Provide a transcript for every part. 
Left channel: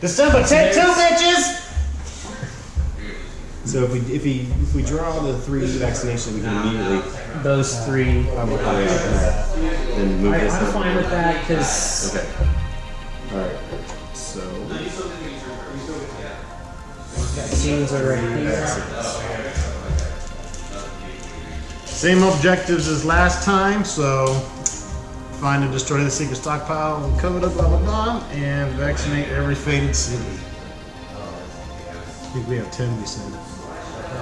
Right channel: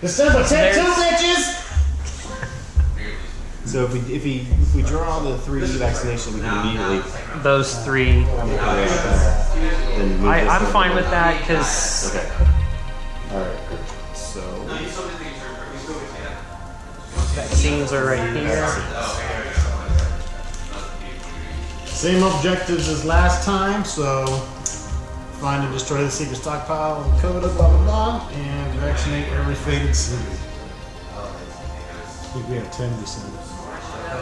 December 10th, 2 bitches! So if we draw the 3 vaccinations, we can immediately those 3. then move this I'm up. fine with that because. Okay. All right. So vaccines are right here. Same objectives as last time, so find and destroy the secret stockpile of COVID, blah blah blah, and vaccinate every faded city. I think we have 10, we said.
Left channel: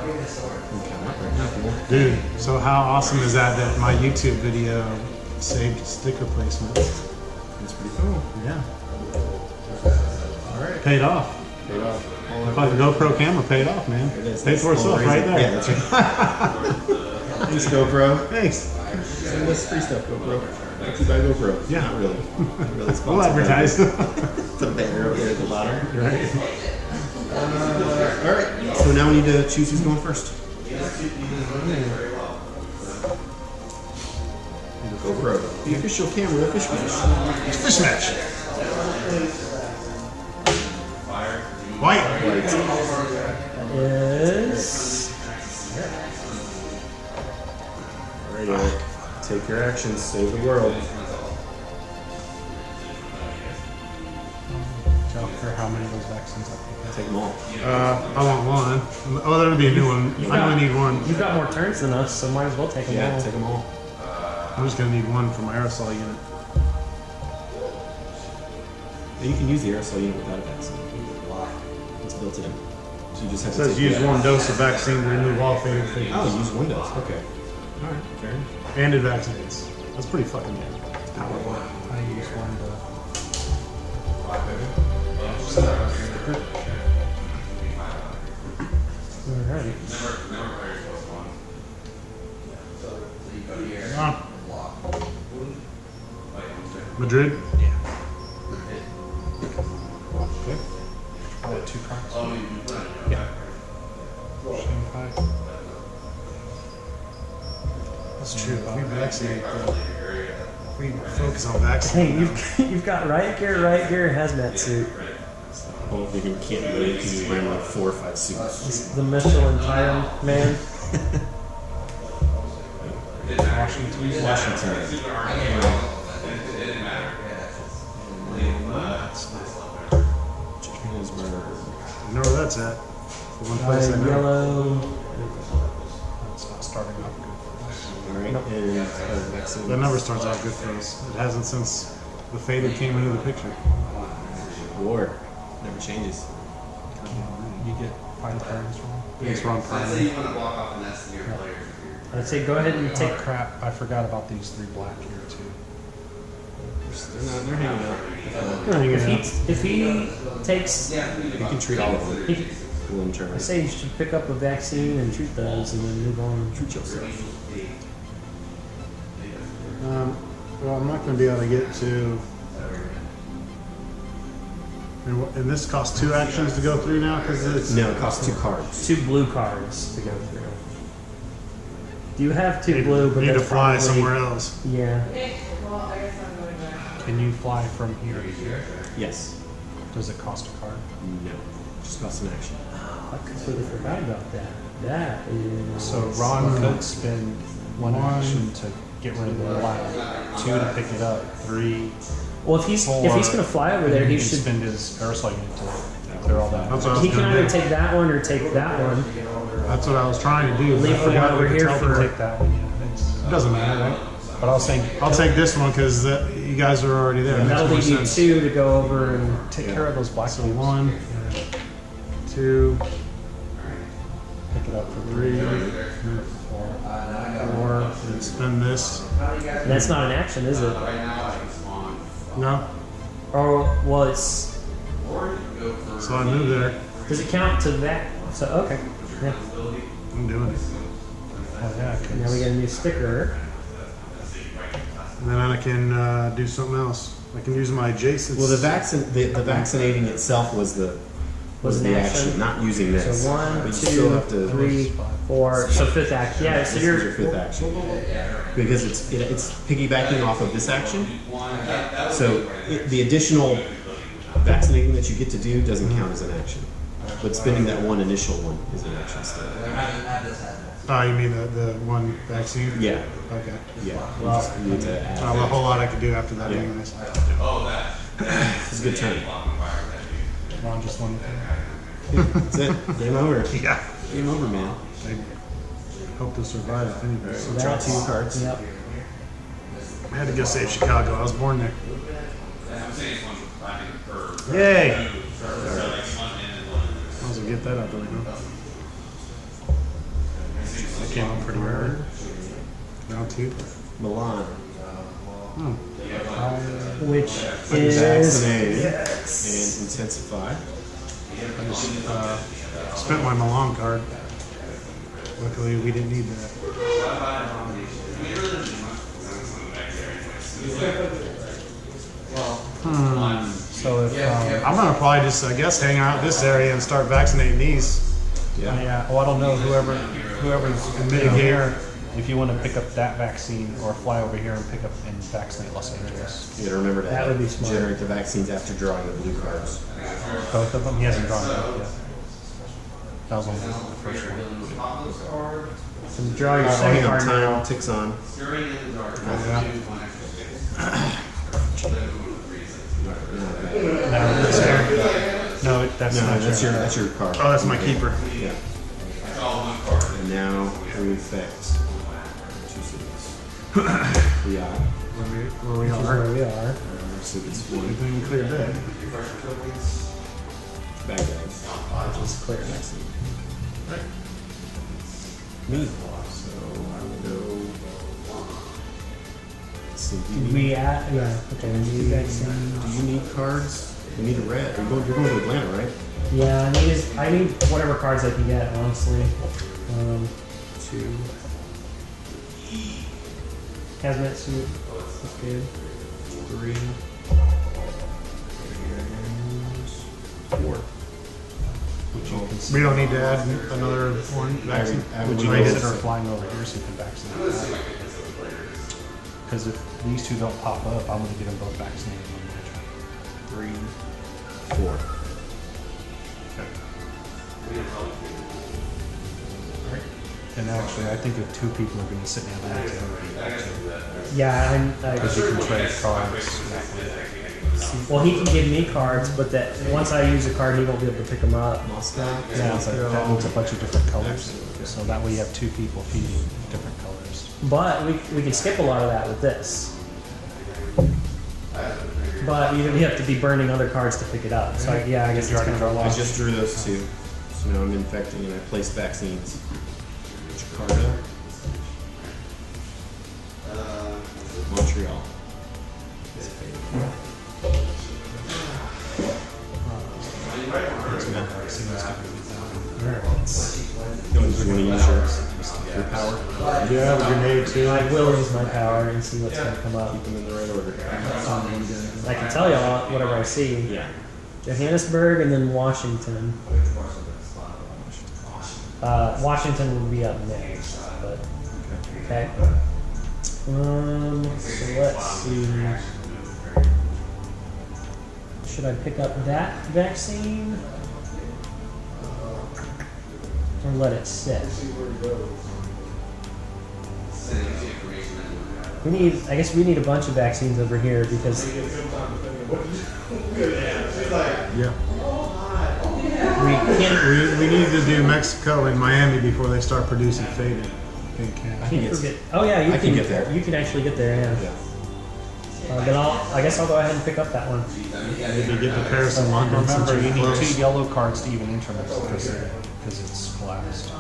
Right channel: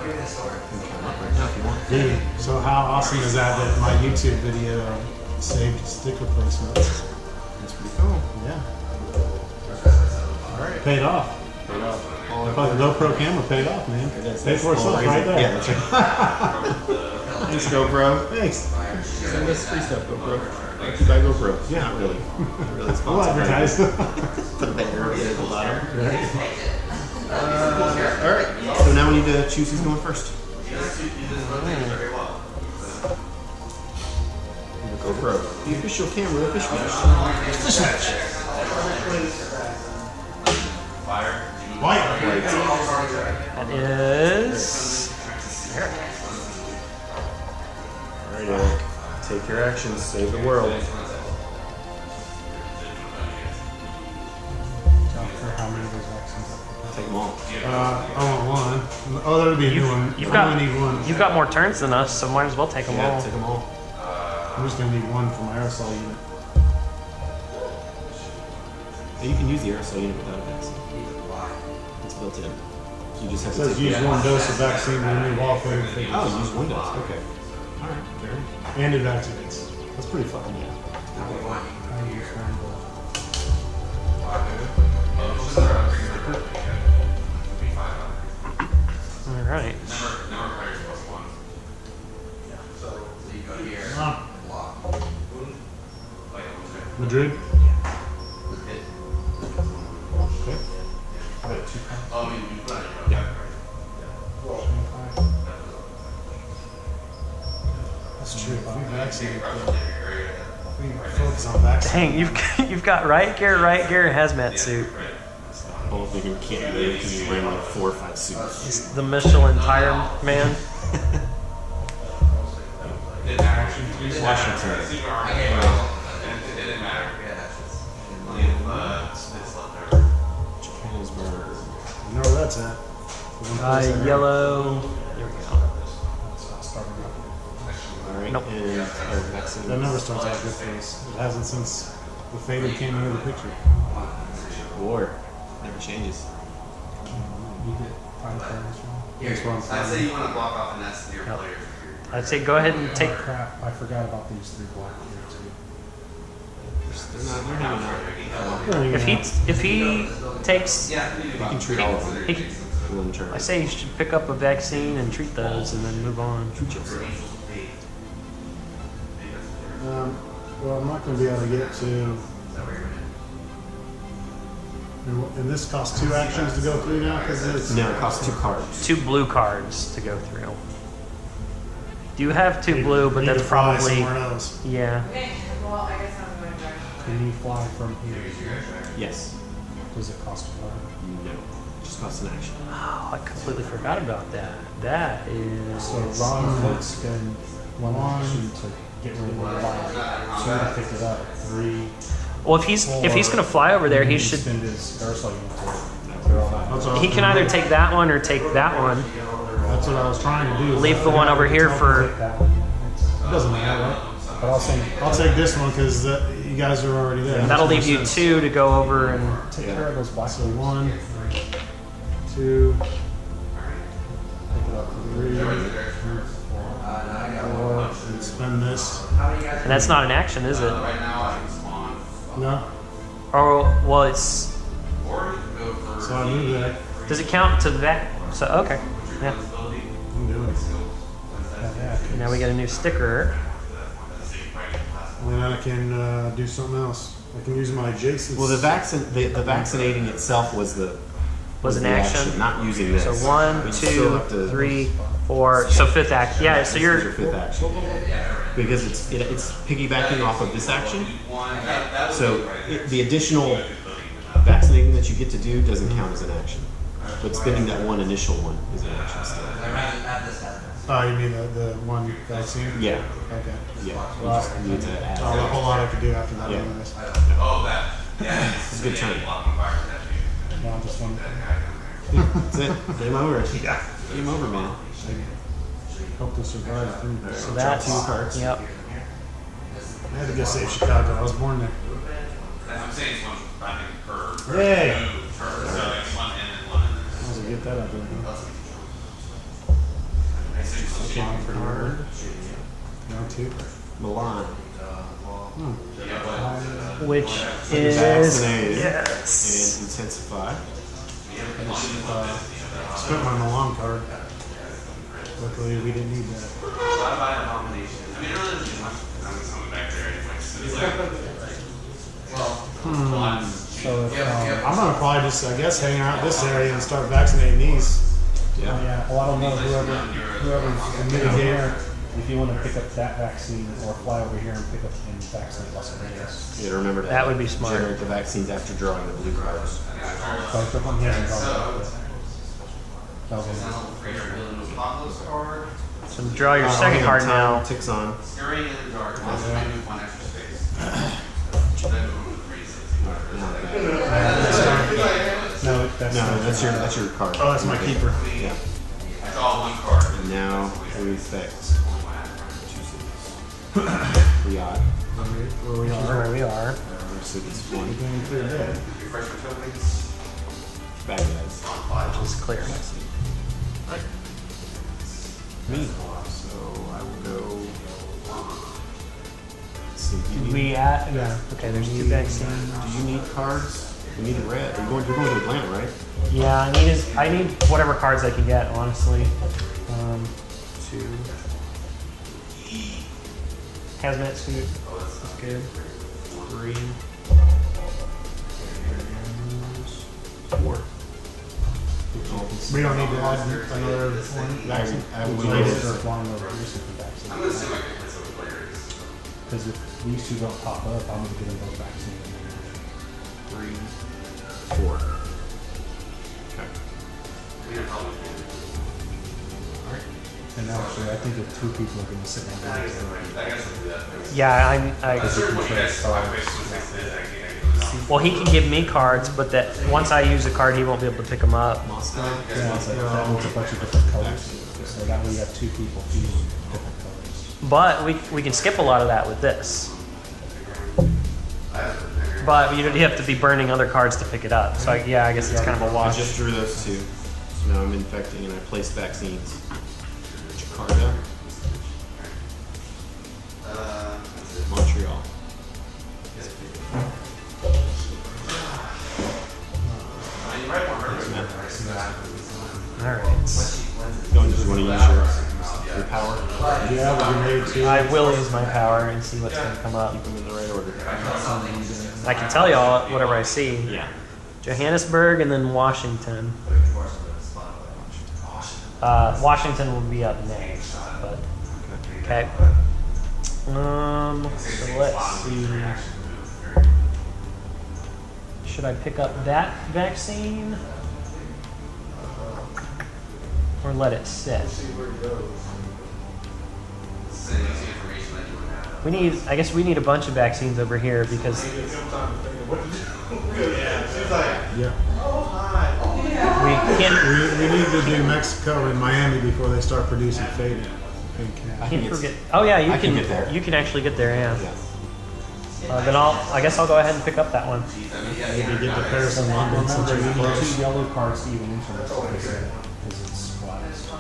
right now if you want. Dude, so how awesome is that my YouTube video saved sticker placement? That's pretty cool. Yeah. All right. Paid off. Paid off. The fucking GoPro camera paid off, man. It is. Paid for itself right there. Yeah, that's right. Thanks, GoPro. Thanks. Send us free stuff, GoPro. Brought to you by GoPro. Yeah. Not really. Not really We'll sponsored. advertise. Put a banner up there at the bottom. Right. All right. So now we need to choose who's going first. GoPro. The official camera of Fish Match. Fish match. White. That is. All right, Eric. Take your actions. Save the world. For how many of those vaccines I Take them all. I want one. Oh, that'll be a new one. I only need one. You've got more turns than us, so might as well take them Yeah, all. take them all. I'm just gonna need one for my aerosol unit. Yeah, you can use the aerosol unit without a vaccine. It's built in. So you just have It to says take use one dose of vaccine to remove all faded figures. Oh, use one dose. Okay. All right. Fair enough. And it vaccinates. That's pretty fucking good. I use one dose. All right. Madrid? Okay. I had 2 cards. Yeah. Shanghai. That's true. If we vaccinate, if we focus on vaccine. Dang, you've got right gear, hazmat suit. Well, they can't do it because he's wearing like 4 or 5 suits. He's the Michelin tire man. Washington. Johannesburg. You know where that's at? The one place I know. Yellow. There we go. It's not starting off good. All right. Nope. And vaccines. That never starts out good for us. It hasn't since the faded came into the picture. War. Never changes. You get 5 turns from me. That's what I'm Let's say planning. you want to block off the nest of your players. I'd say go ahead and take. Oh crap, I forgot about these 3 black here too. They're not. They're hanging out. If he takes, You can treat all of them. he, Full in turn. I say you should pick up a vaccine and treat those, and then move on. Treat yourself. Well, I'm not going to be able to get to. And this costs 2 actions to go through now because it's. No, it costs 2 cards. 2 blue cards to go through. You have 2 blue, but need to that's fly probably somewhere else. Yeah. Okay, well, I guess I'm going to. Can you fly from here to here? Yes. Does it cost a card? No. Just costs an action. Oh, I completely forgot about that. That is. So Ron could spend 1 action to get rid of the black, 2 to pick it up, 3. Well, if he's gonna fly over there, he should. spend his aerosol unit to clear all that. That's what I was He can gonna either do. take that one or take that one. That's what I was trying to do. Leave the one over here Tell him to for. take that one, yeah, It doesn't matter, right? but I was saying, I'll take this one because you guys are already there. That'll Makes leave more you sense. 2 to go over and. take care of those black So ones. 1, 2, Pick it up for 3, 4. 4, and spend this. And that's not an action, is it? No. Oh, well, it's. So I move there. Does it count to that? So okay. Yeah. I'm doing it. Oh, yeah, 'cause Now we got a new sticker. And then I can do something else. I can use my adjacent. Well, the vaccinating itself was the Was an action. not using this. So 1, But you still 2, have to 3, 4. So 5th action. Yeah. So This you're. is your 5th action because it's piggybacking off of this action. So the additional vaccinating that you get to do doesn't count as an action. But spending that one initial one is an action still. Oh, you mean the one vaccine? Yeah. Okay. Yeah. You Well, just need to add. Not a whole lot I could do after that, Yeah. anyways. It's a good turn. No, I'm just one. That's it. Game over. Yeah. Game over, man. I hope to survive if anything. So draw 2 cards. Yep. I had to go save Chicago. I was born there. I'm saying it's one running for Yay! for like one in and one in. Might as well get that out the way. Huh? That came out pretty early. Round 2. Milan. Which is Vaccinated. yes. And intensify. I just spent my Milan card. Luckily, we didn't need that. So if I'm gonna probably just, I guess, hang out this area and start vaccinating these. Yeah. Yeah. Well, I don't know. Whoever's Mitigate. if you want to pick up that vaccine or fly over here and pick up and vaccinate Los Angeles. You gotta remember to That would be smart. generate the vaccines after drawing the blue cards. Both of them. He hasn't drawn it yet. That was on the first one. so draw your Oh, second hang on, card time now. ticks on. Scurrying in the dark. Yeah. One extra space. No, that's No, not that's your- your card. Oh, that's my keeper. Yeah. It's all one card. And now we effect 2 cities. 3 odd. Where we This is are. where we are. So it's 1 Everything clear dead. bad guys. Which is clear. Vaccine. Right. Me. So I will go. Let's see. Do you Did need, we add? Yeah. Okay. There's 2 vaccines. do you need cards? You need a red. You're going to Atlanta, right? Yeah. I need whatever cards I can get. Honestly. 2. Hazmat suit. That's good. 3. And 4. We don't need to add another one vaccine. I Would would you rate guys it. start flying over here so you can vaccinate? Because if these 2 don't pop up, I'm going to get them both vaccinated. 3, 4. Okay. And actually, I think if 2 people are going to sit down there, Yeah. because you can trade cards. Well, he can give me cards, but that once I use a card, he won't be able to pick them up. Moscow. Yeah, so that needs a bunch of different colors. So that way you have 2 people feeding different colors. But we can skip a lot of that with this. But you have to be burning other cards to pick it up. So yeah, I guess it's kind of a I wash. just drew those 2. So now I'm infecting and I placed vaccines. Jakarta. Montreal. Alright. Go on, did you want to use your power? Yeah, the grenade too. I will use my power and see what's going to come up. Keep them in the right order. I can tell y'all whatever I see. Yeah. Johannesburg and then Washington. Washington will be up next, but Okay. okay. So let's see. Should I pick up that vaccine or let it sit? We need. I guess we need a bunch of vaccines over here because Yeah. we can't. We need to do Mexico and Miami before they start producing faded pink cat. Can't forget. Oh yeah, you I can get there. You can actually get there. Yeah. Yeah. Then I guess I'll go ahead and pick up that one. Maybe get the Paris and London since Remember, you're you need 2 close. yellow cards to even enter this because it's collapsed.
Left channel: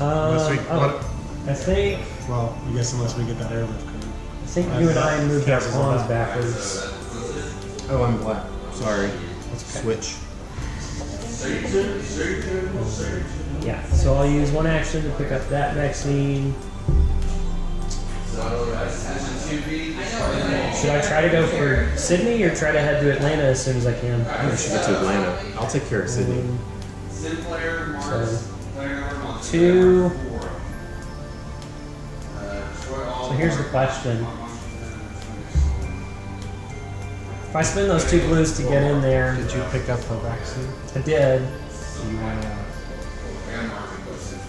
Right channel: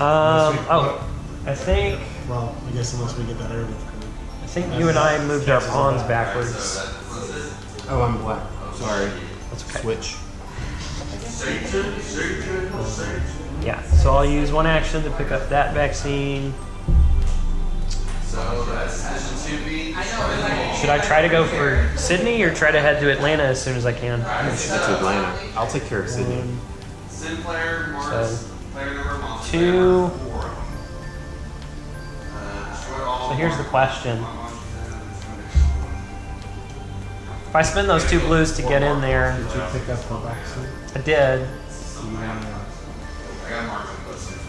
Oh, I think Well, I guess unless we get that airlift coming. you and I moved our pawns backwards. Oh, I'm black. Sorry. That's okay. Switch. Yeah. So I'll use one action to pick up that vaccine. Should I try to go for Sydney or try to head to Atlanta as soon as I can? I think we should get to Atlanta. I'll take care of Sydney. So 2. So here's the question. If I spend those 2 blues to get in there, Did you pick up the vaccine? I did. You wanna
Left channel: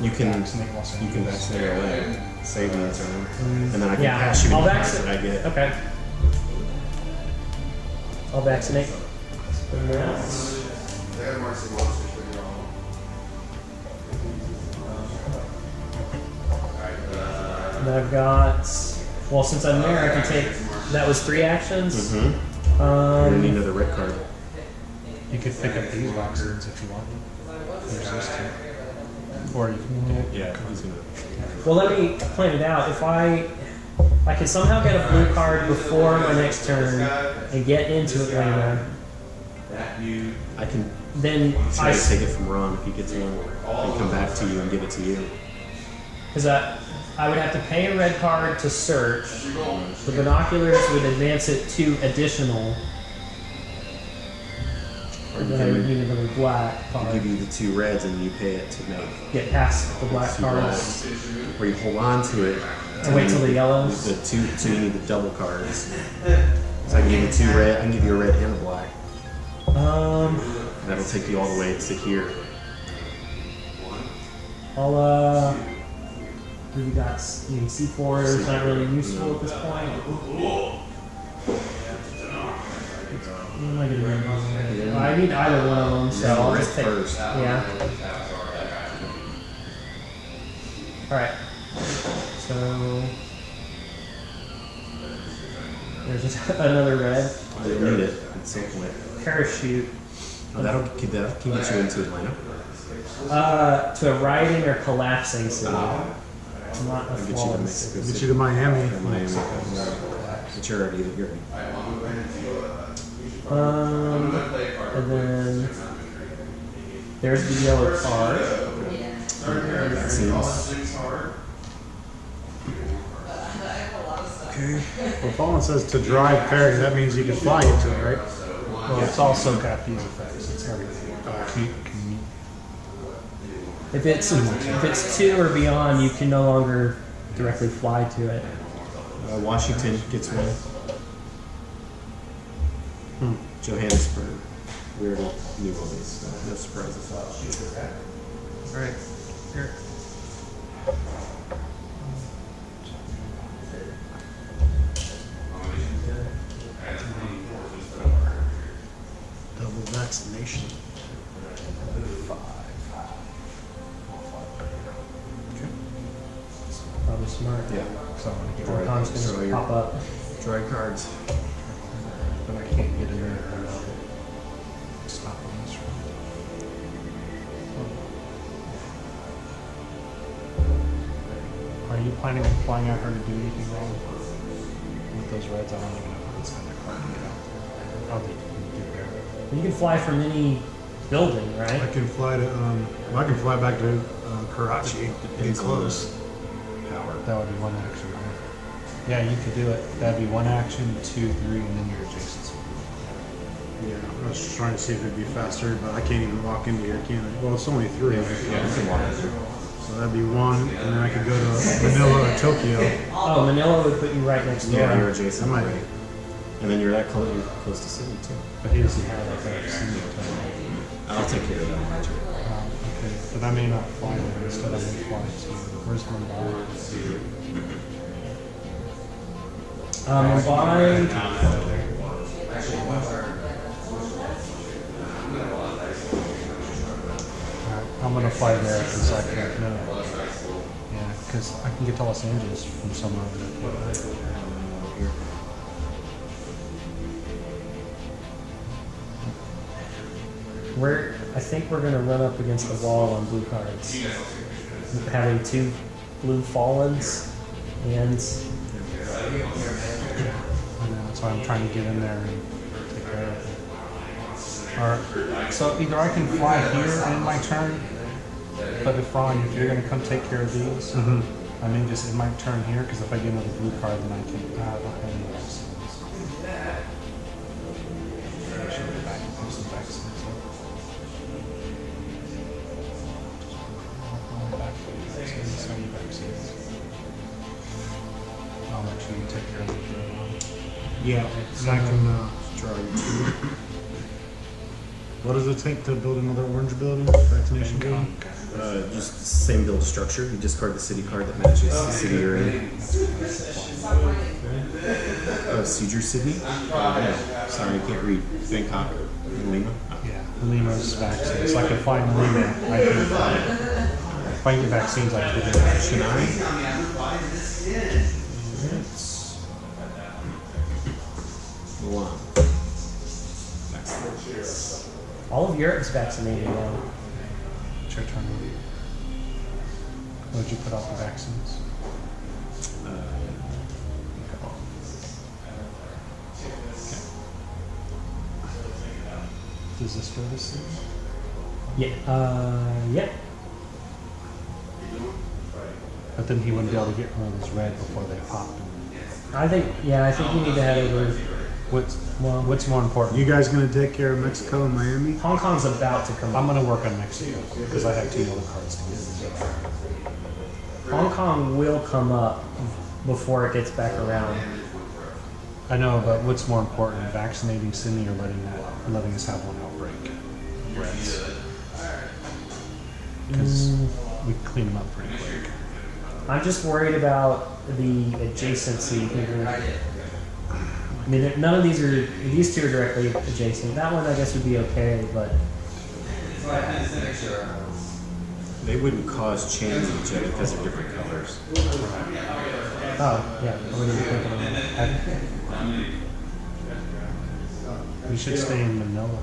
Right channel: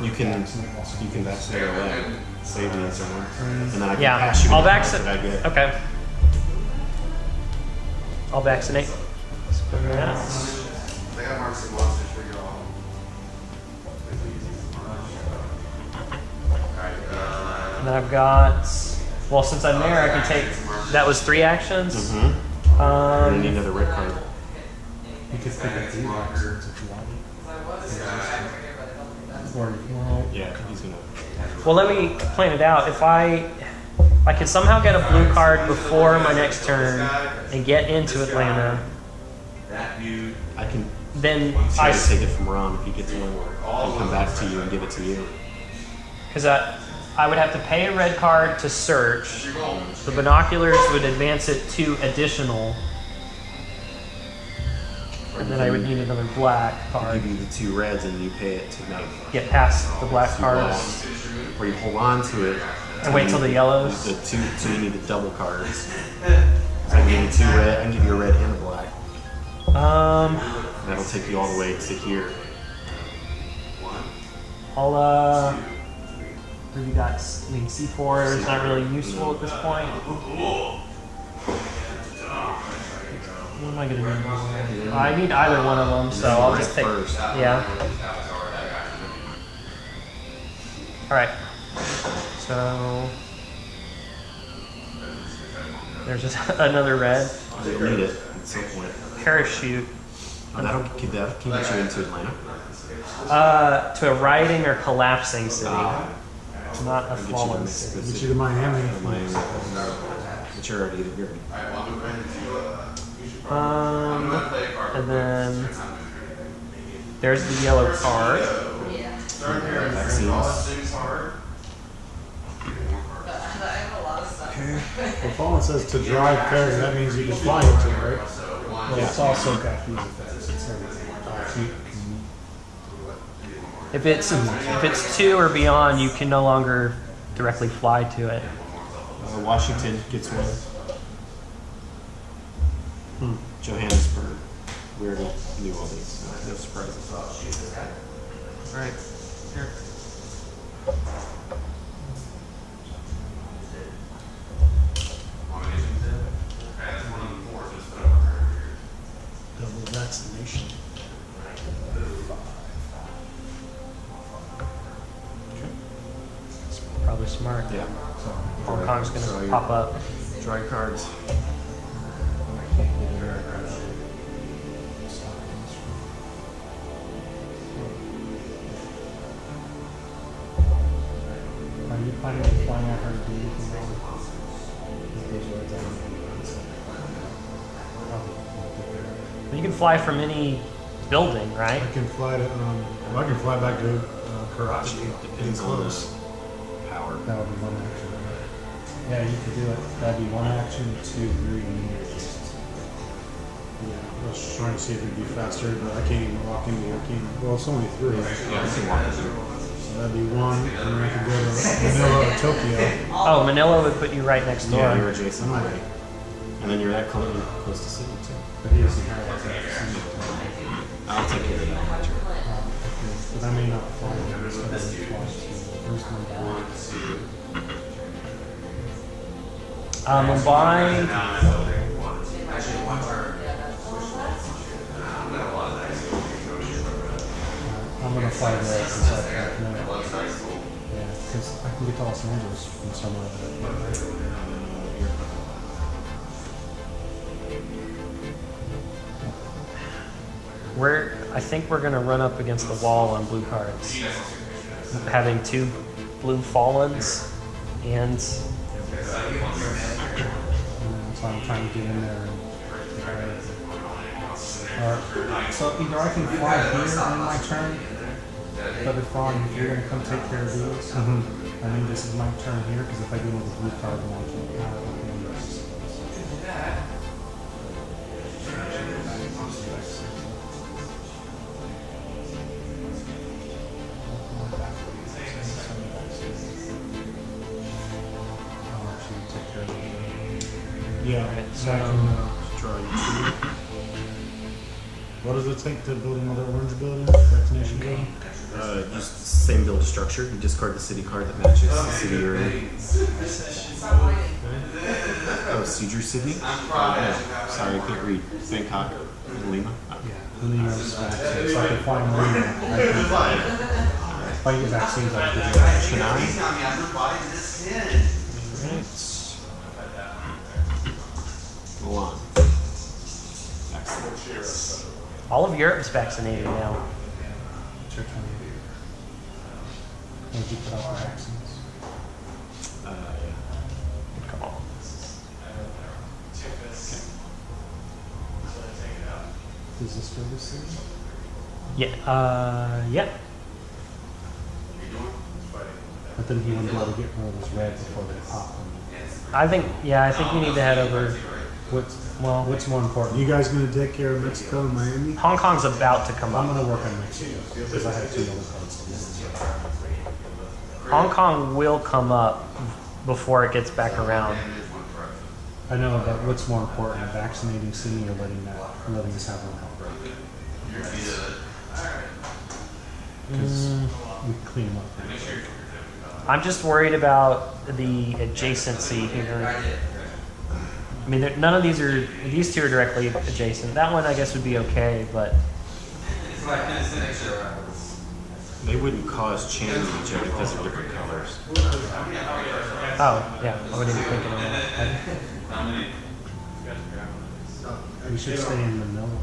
You can vaccinate while someone- vaccinate away, save me a turn, and then I can Yeah, pass you I'll any cards that I vaccinate. get. Okay. I'll vaccinate. Spend that. They got Marcy Monsters for you all. And then I've got. Well, since I'm there, I can take. That was 3 actions. Mm-hmm. You're gonna need Um, another red card. You could pick up these vaccines if you wanted. Or you Yeah, he's gonna. well, let me plan it out. If I can somehow get a blue card before my next turn and get into Atlanta, I can then try to take it from Ron if he gets one, and come back to you and give it to you. because I would have to pay a red card to search. The binoculars would advance it 2 additional, Or and you then I would can need another black give card. you the 2 reds and you pay it to make Get past the black 2 cards. blacks. Or you hold on to it. And wait till the yellows? The 2, so you need the double cards. So I can give you 2 red. I can give you a red and a black. That'll take you all the way to here. I'll what do you got? I mean, C4 is not really useful at this point. What am I gonna do? I need either one of them, so I'll red just take. first. Yeah. All right. So there's just another red You'll need it at some point. parachute. Oh, that can get you into Atlanta. To a riding or collapsing city, not a I'll get you to fallen Mexico city. Get City. you to Miami. Or Miami. But you're already here. And then there's the yellow card. Vaccines. Okay. Well, Fallen says to drive pairing, that means you can fly into it, right? Well, it's also got these effects. It's everything. Can If it's 2 or beyond, you can no longer directly fly to it. Washington gets one. Johannesburg. We already knew all these, so no surprises. All right. Here. Double vaccination. Probably smart. Yeah. So I'm gonna get Draw- Con's draw gonna your- pop up. Draw your cards. but I can't get in there without stopping this from. Are you planning on flying out her to do anything wrong with those reds? I don't know. It's gonna come out. I'll get there. You can fly from any building, right? I can fly to, I can fly back to Karachi. Getting Depends on close. the power. That would be one action, right? Yeah, you could do it. That'd be 1 action, 2, 3, and then your adjacency. Yeah, I was just trying to see if it'd be faster, but I can't even walk into here, can I? Well, it's only 3. Yeah, you can walk it through. So that'd be 1, and then I could go to Manila or Tokyo. Oh, Manila would put you right next door. Yeah, you're adjacent I might- already. And then you're that close. You're close to city too. But he doesn't have like that single tone. I'll take care of that on my turn. Okay, but I may not fly there. Instead, I may fly to where's Mumbai? Mumbai. I'm gonna fly there because I can know. Yeah, because I can get to Los Angeles from somewhere over there. Here. I think we're gonna run up against the wall on blue cards. Having 2 blue fallens and I know, so I'm trying to get in there and take care of it. Or, so either I can fly here in my turn, but if Ron, if you're gonna come take care of these, I may just in my turn here, because if I get in with a blue card, then I can't. I'll actually take care of the Yeah, so I can Draw you 2. What does it take to build another orange building? Vaccination building? Just the same build structure. You discard the city card that matches the city you're in. Oh, Seizure Sydney? Oh, no. Sorry, I can't read. Bangkok and Lima. Oh. Yeah, Lima's vaccine. So I can find Lima. I can find. If I get vaccines, I can get it. Chennai? Milan. Excellent. All of Europe's vaccinated now. It's your turn. What did you put out the vaccines? Yeah. Good call. Is this for this thing? Yeah. Yep. But then he wouldn't be able to get one of those red before they pop. I think you need to head over. What's more important? You guys gonna take care of Mexico and Miami? Hong Kong's about to come I'm up. gonna work on Mexico because I have 2 yellow cards to use. Hong Kong will come up before it gets back around. I know, but what's more important, vaccinating Sydney or letting us have one outbreak? Because we can clean them up pretty quick. I'm just worried about the adjacency here. I mean, none of these 2 are directly adjacent. That one, I guess, would be okay, but They wouldn't cause chains of each other because they're different colors. oh yeah, I wouldn't even think of that. We should stay in Manila.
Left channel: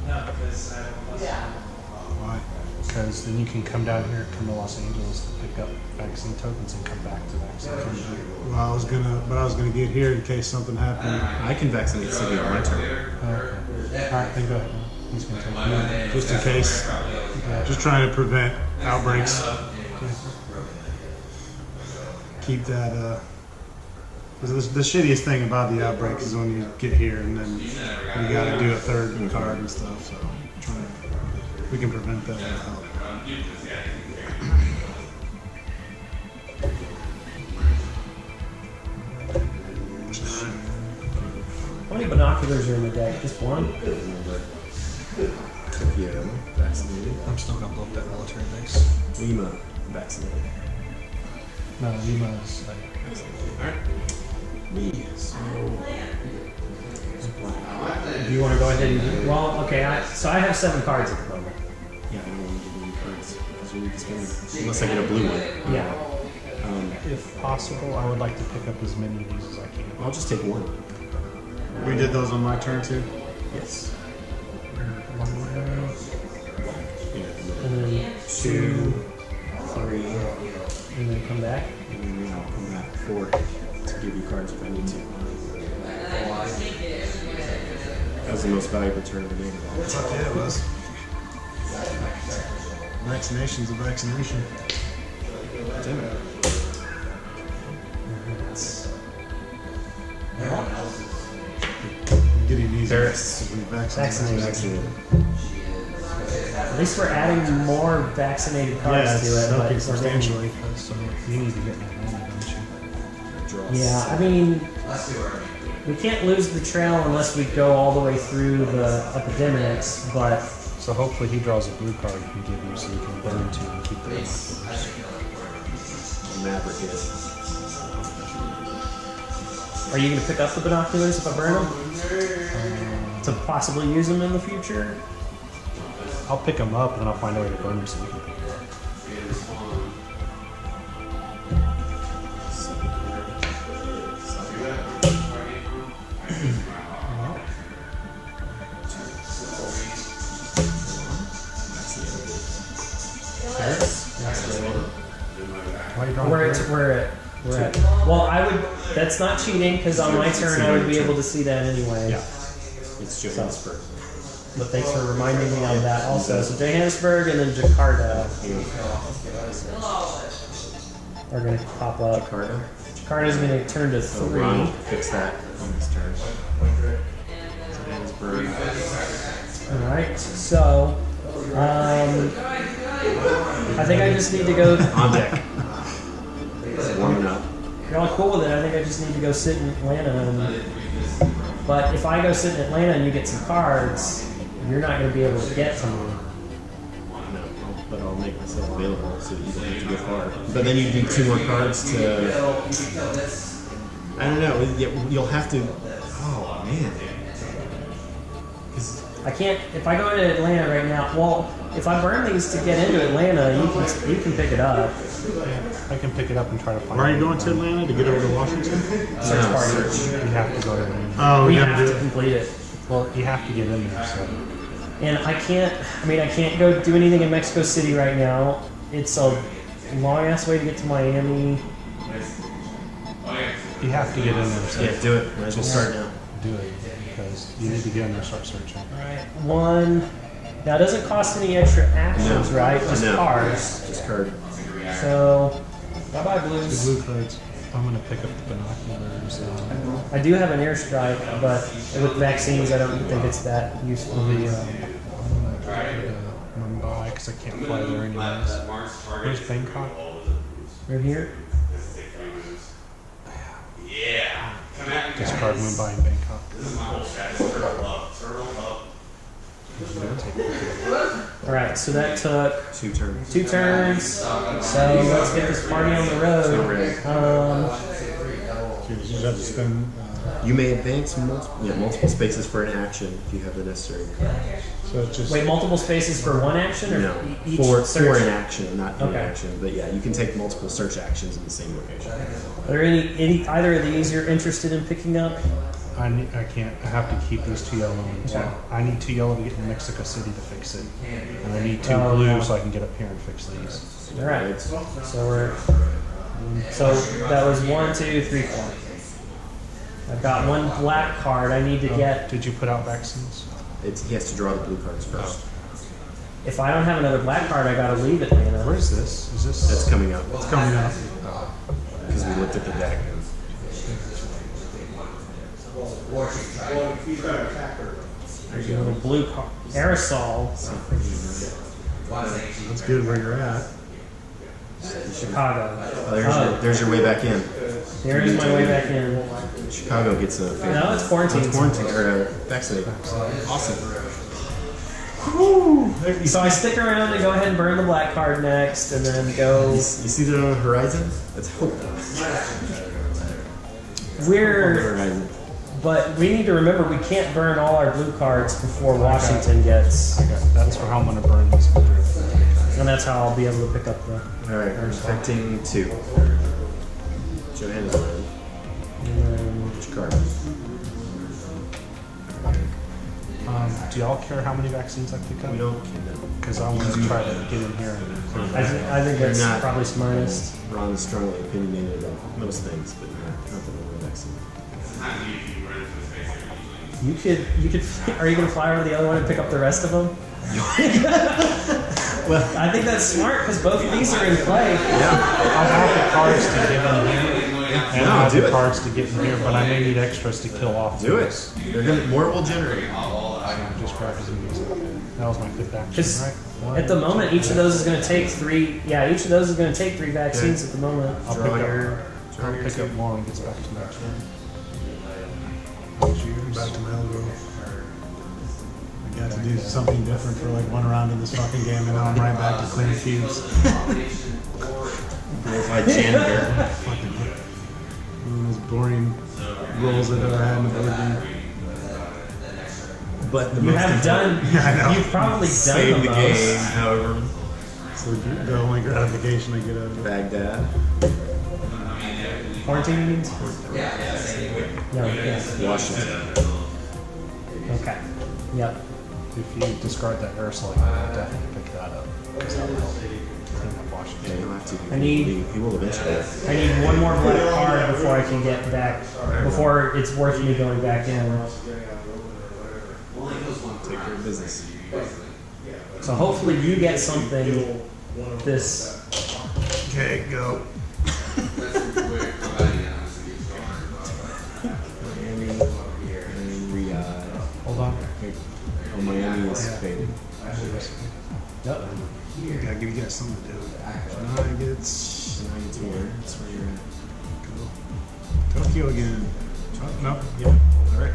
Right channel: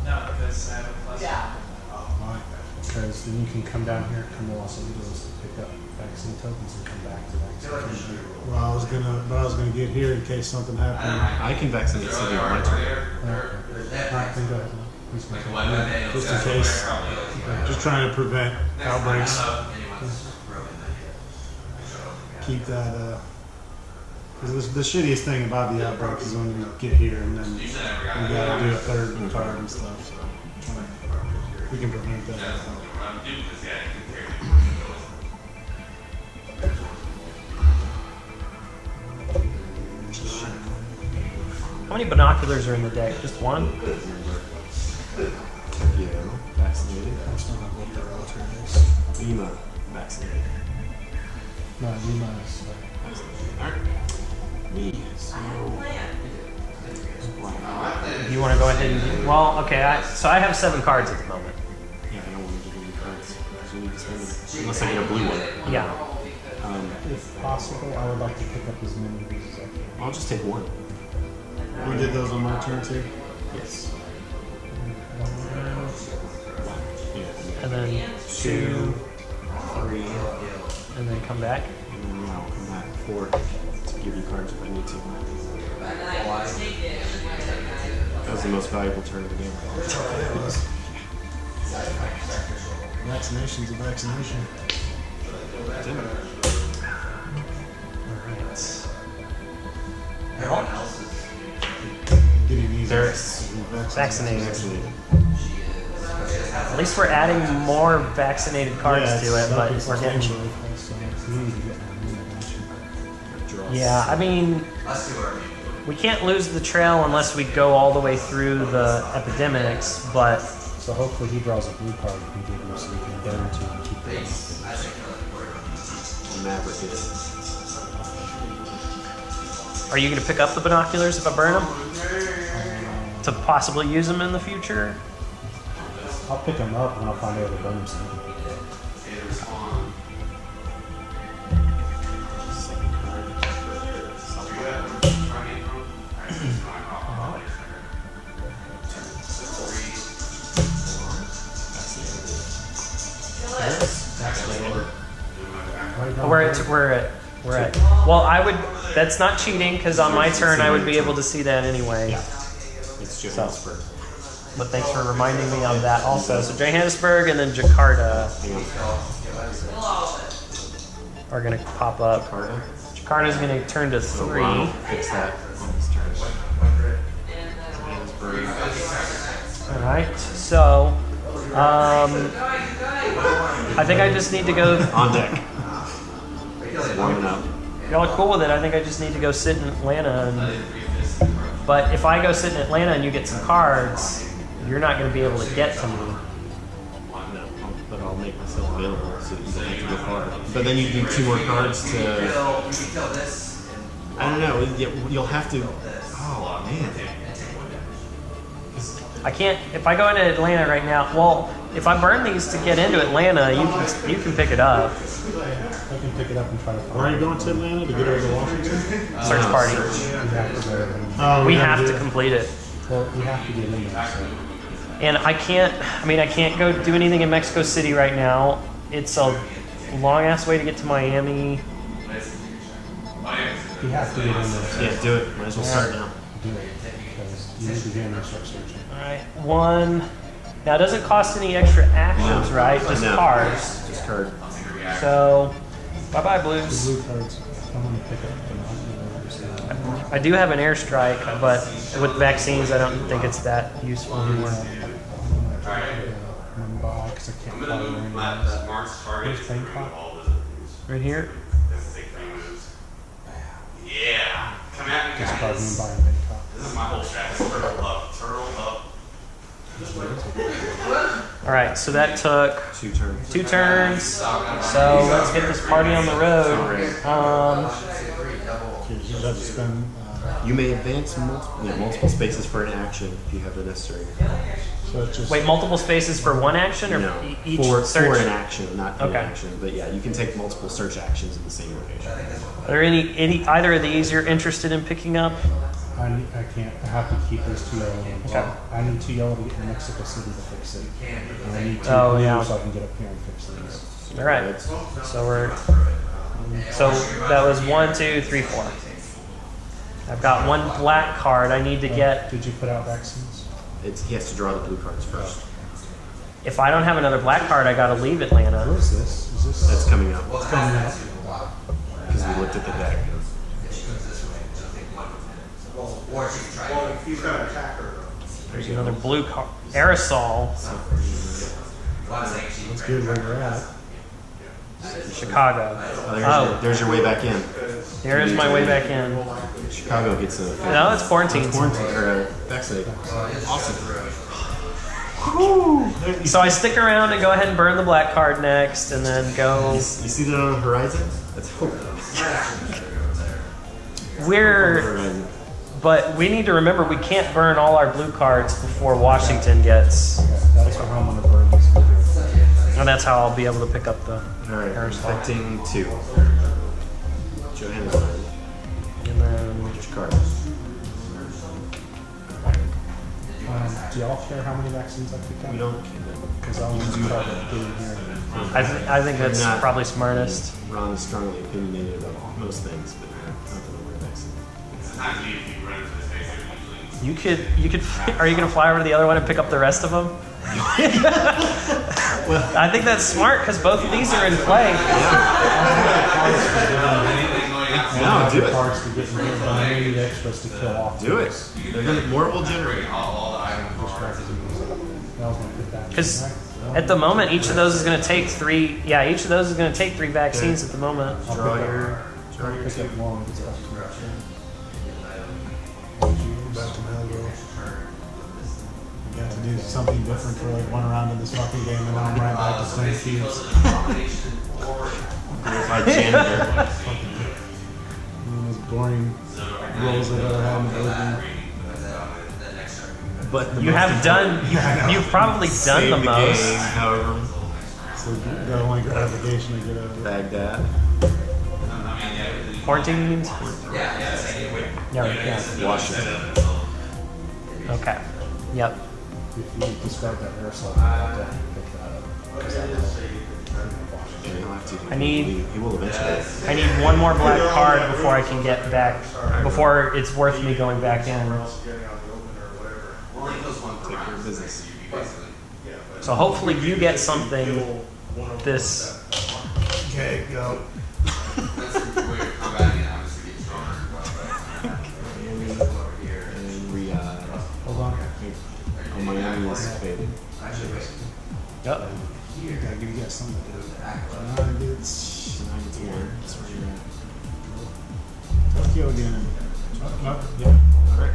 Why? Because then you can come down here, come to Los Angeles to pick up vaccine tokens and come back to vaccine. Well, I was gonna get here in case something happened. I can vaccinate Sydney on my turn. Okay. All right, then go ahead. Who's gonna take it? Just in case. Just trying to prevent outbreaks. Keep that. Because the shittiest thing about the outbreak is when you get here and then you gotta do a third card and stuff. So we can prevent that. That'll help. How many binoculars are in the deck? Just one? Tokyo, vaccinated. I'm still gonna blow up that military base. Lima, vaccinated. No, Lima is Vaccinated. Alright. Me, so... Do you want to go ahead and do? Well, okay. So I have 7 cards at the moment. Yeah, I don't want to give you cards because you need to spend them. Unless I get a blue one. Yeah. if possible, I would like to pick up as many of these as I can. I'll just take one. We did those on my turn too. Yes. Yeah. And then 2, 3, and then come back. and then I'll come back 4 to give you cards if I need to. That was the most valuable turn of the game. Yeah, it was. Vaccination's a vaccination. Damn it. Getting easier. There's Vaccinated. vaccinated. At least we're adding more vaccinated cards Yeah, to it, it's but something we're getting. substantially. So you need to get that in, don't you? Draw Yeah, I mean, we can't lose the trail unless we go all the way through the epidemics, but So hopefully he draws a blue card he can give you so you can burn 2 and keep the binoculars. Maverick it. are you going to pick up the binoculars if I burn them? To possibly use them in the future? I'll pick them up and then I'll find a way to burn them so you can pick them up. Second card. Why are you drawing We're at. Well, I would. That's not cheating because on my turn I would be able to see that anyway. Yeah. It's Johannesburg. But thanks for reminding me of that also. So Johannesburg and then Jakarta are going to pop up. Jakarta. Jakarta's going to turn to So 3. Ronald fix that on his turn. Johannesburg. All right. So, I think I just need to go. On deck. It's warming up. Y'all are cool with it. I think I just need to go sit in Atlanta and But if I go sit in Atlanta and you get some cards, you're not going to be able to get to me. No, but I'll make myself available so that you don't have to go far. But then you need 2 more cards to. I don't know. You'll have to. Oh man. 'Cause I can't. If I go into Atlanta right now, well, if I burn these to get into Atlanta, you can pick it up. I can pick it up and try to find. Where are you it. going to Atlanta to get over to Washington? Search no, party. You have to go to them. Oh, We gotta have do to it. complete it. Well, you have to get in there. So And I can't. I mean, I can't go do anything in Mexico City right now. It's a long ass way to get to Miami. you have to get in there. So yeah, do it. Might as well start now. do it because you need to get in there and start searching. All right, 1. Now it doesn't cost any extra actions, right? Just No. cards. Just card. So, bye bye The Blues. blue cards. I'm gonna pick up the binoculars. I do have an airstrike, but with vaccines, I don't think it's that useful. I'm gonna try to Mumbai because I can't fly there anyways. Where's Bangkok? Right here. Discard Mumbai and Bangkok. All right, so that took 2 turns. 2 turns. So let's get this party on the road. You just have to spend. You may advance multiple spaces for an action if you have the necessary. So it's just. Wait, multiple spaces for one action, or No, each for search? an action, not an Okay. action. But yeah, you can take multiple search actions in the same location. Are there any either of these you're interested in picking up? I can't. I have to keep these 2 yellow ones. Okay. I need 2 yellow to get to Mexico City to fix it, and I need 2 Oh, blue yeah. so I can get up here and fix these. All right. So that was 1, 2, 3, 4. I've got 1 black card. I need to get. Did you put out vaccines? He has to draw the blue cards first. If I don't have another black card, I gotta leave Atlanta. Where is this? Is this? That's coming up It's coming up. because we looked at the deck. There's another blue card. Aerosol. That's good where you're at. Chicago. Oh, there's your way back in. There's my way back in. Chicago gets a No, it's quarantine. quarantine or a vaccinate. Awesome. So I stick around and go ahead and burn the black card next, and then go. You see that on the horizon? That's hope. We're. Horizon. But we need to remember we can't burn all our blue cards before Washington gets. I got. That's how I'm gonna burn this. And that's how I'll be able to pick up the. All right, affecting 2. Johannesburg. And then. Which card? Do y'all care how many vaccines I pick up? We don't. Because I want to try to get in here and. I think that's Not- probably smartest. Ron is strongly opinionated about most things, but not the number of vaccines. You could. Are you gonna fly over to the other one and pick up the rest of them? Well, I think that's smart because both of these are in play. yeah. I have the cards to get in here. And No, I have do the it. cards to get in here, but I may need extras to kill off. Do it. these. They're gonna more will generate. Just practicing these. That was my 5th action, Because right? at the moment, each of those is going to take 3. Yeah, each of those is going to take 3 vaccines at the moment. I'll Draw pick your- up, draw I'll your pick 2. up more when it gets back to my turn. How's yours? Back to my old grove. I got to do something different for like 1 round of this fucking game, and now I'm right back to clean cubes. Glorified janitor. Fucking one of the most boring roles I've ever had in the board game. But the You most have done. important- Yeah, I know. You've probably done Save the the most. game, however. So the only gratification I get out of it. Baghdad. Quarantine means? Yeah. Washington. Okay. Yep. If you discard that aerosol, I'll definitely pick that up because that'll help clean up Washington. Yeah, he'll have to. I need- He will eventually. I need 1 more black card before I can get back. Before it's worth me going back in. Take care of business. So hopefully you get something. This. Okay, go. Miami and Riyadh. Hold on. Oh, Miami is faded. Yep. Gotta give you guys something to do. Nuggets. Tonight it's 1. That's where you're at. Tokyo again. Oh, no. Yeah. All right.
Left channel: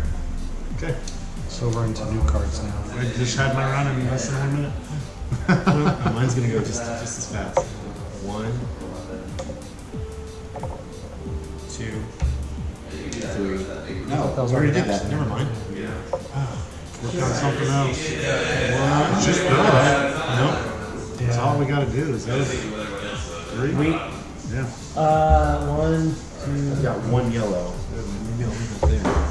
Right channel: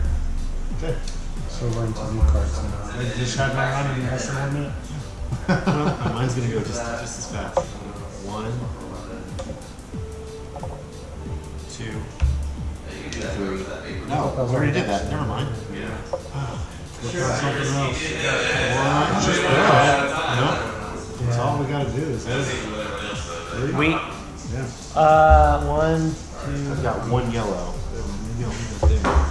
Okay. So we're into new cards now. I just had my run in less than 1 minute. Well, mine's gonna go just as fast. 1, 2, 3. No, That was we already did already that. Never mind. Work on something else. One. Just throw it. Nope. That's all we gotta do is those 3. We, Yeah. 1, 2. I've got 1 yellow. Maybe I'll leave it there.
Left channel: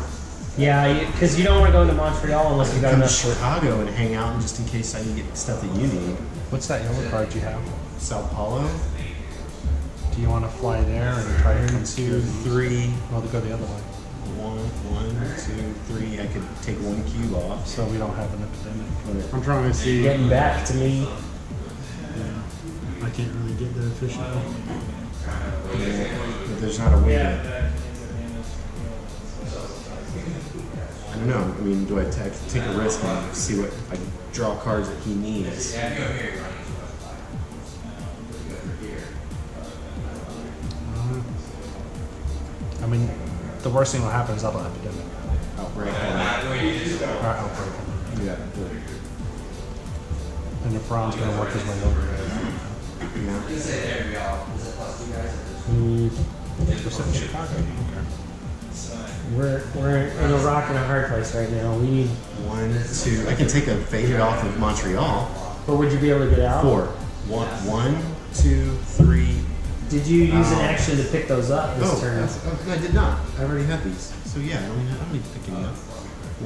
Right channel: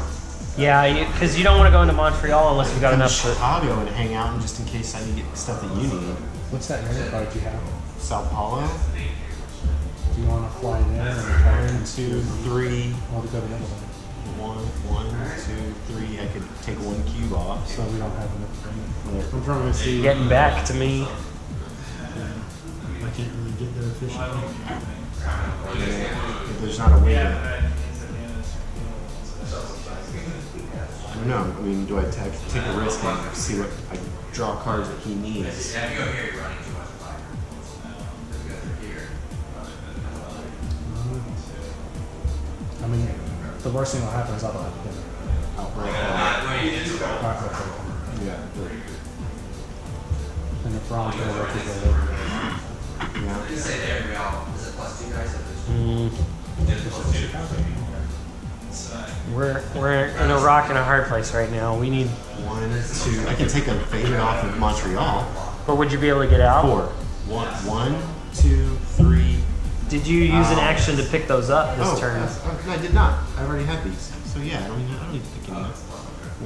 Yeah, because you don't want to go into Montreal unless you got Come to enough for. Chicago and hang out, and just in case I need to get stuff that you need. What's that yellow card you have? Sao Paulo. Do you want to fly there and try to 1, come 2, 3. Well, to go the other way. 1, 2, 3. I could take 1 cube off. So we don't have enough limit. I'm trying to see. Getting back to me. I can't really get there efficiently. But there's not a way to. I don't know. I mean, do I take a risk and see what I draw cards that he needs? I mean, the worst thing that happen is I'll have to get it. Outbreak. I'll break him. Yeah. And if Ron's going to work his way over there. Yeah. Just in Chicago. Okay. We're in a rock and a hard place right now. We need. 1, 2. I can take a faded off of Montreal. Or would you be able to get out? 4. 1, 2, 3. Did you use an action to pick those up this turn? I did not. I already had these. So yeah, I don't need to pick any up.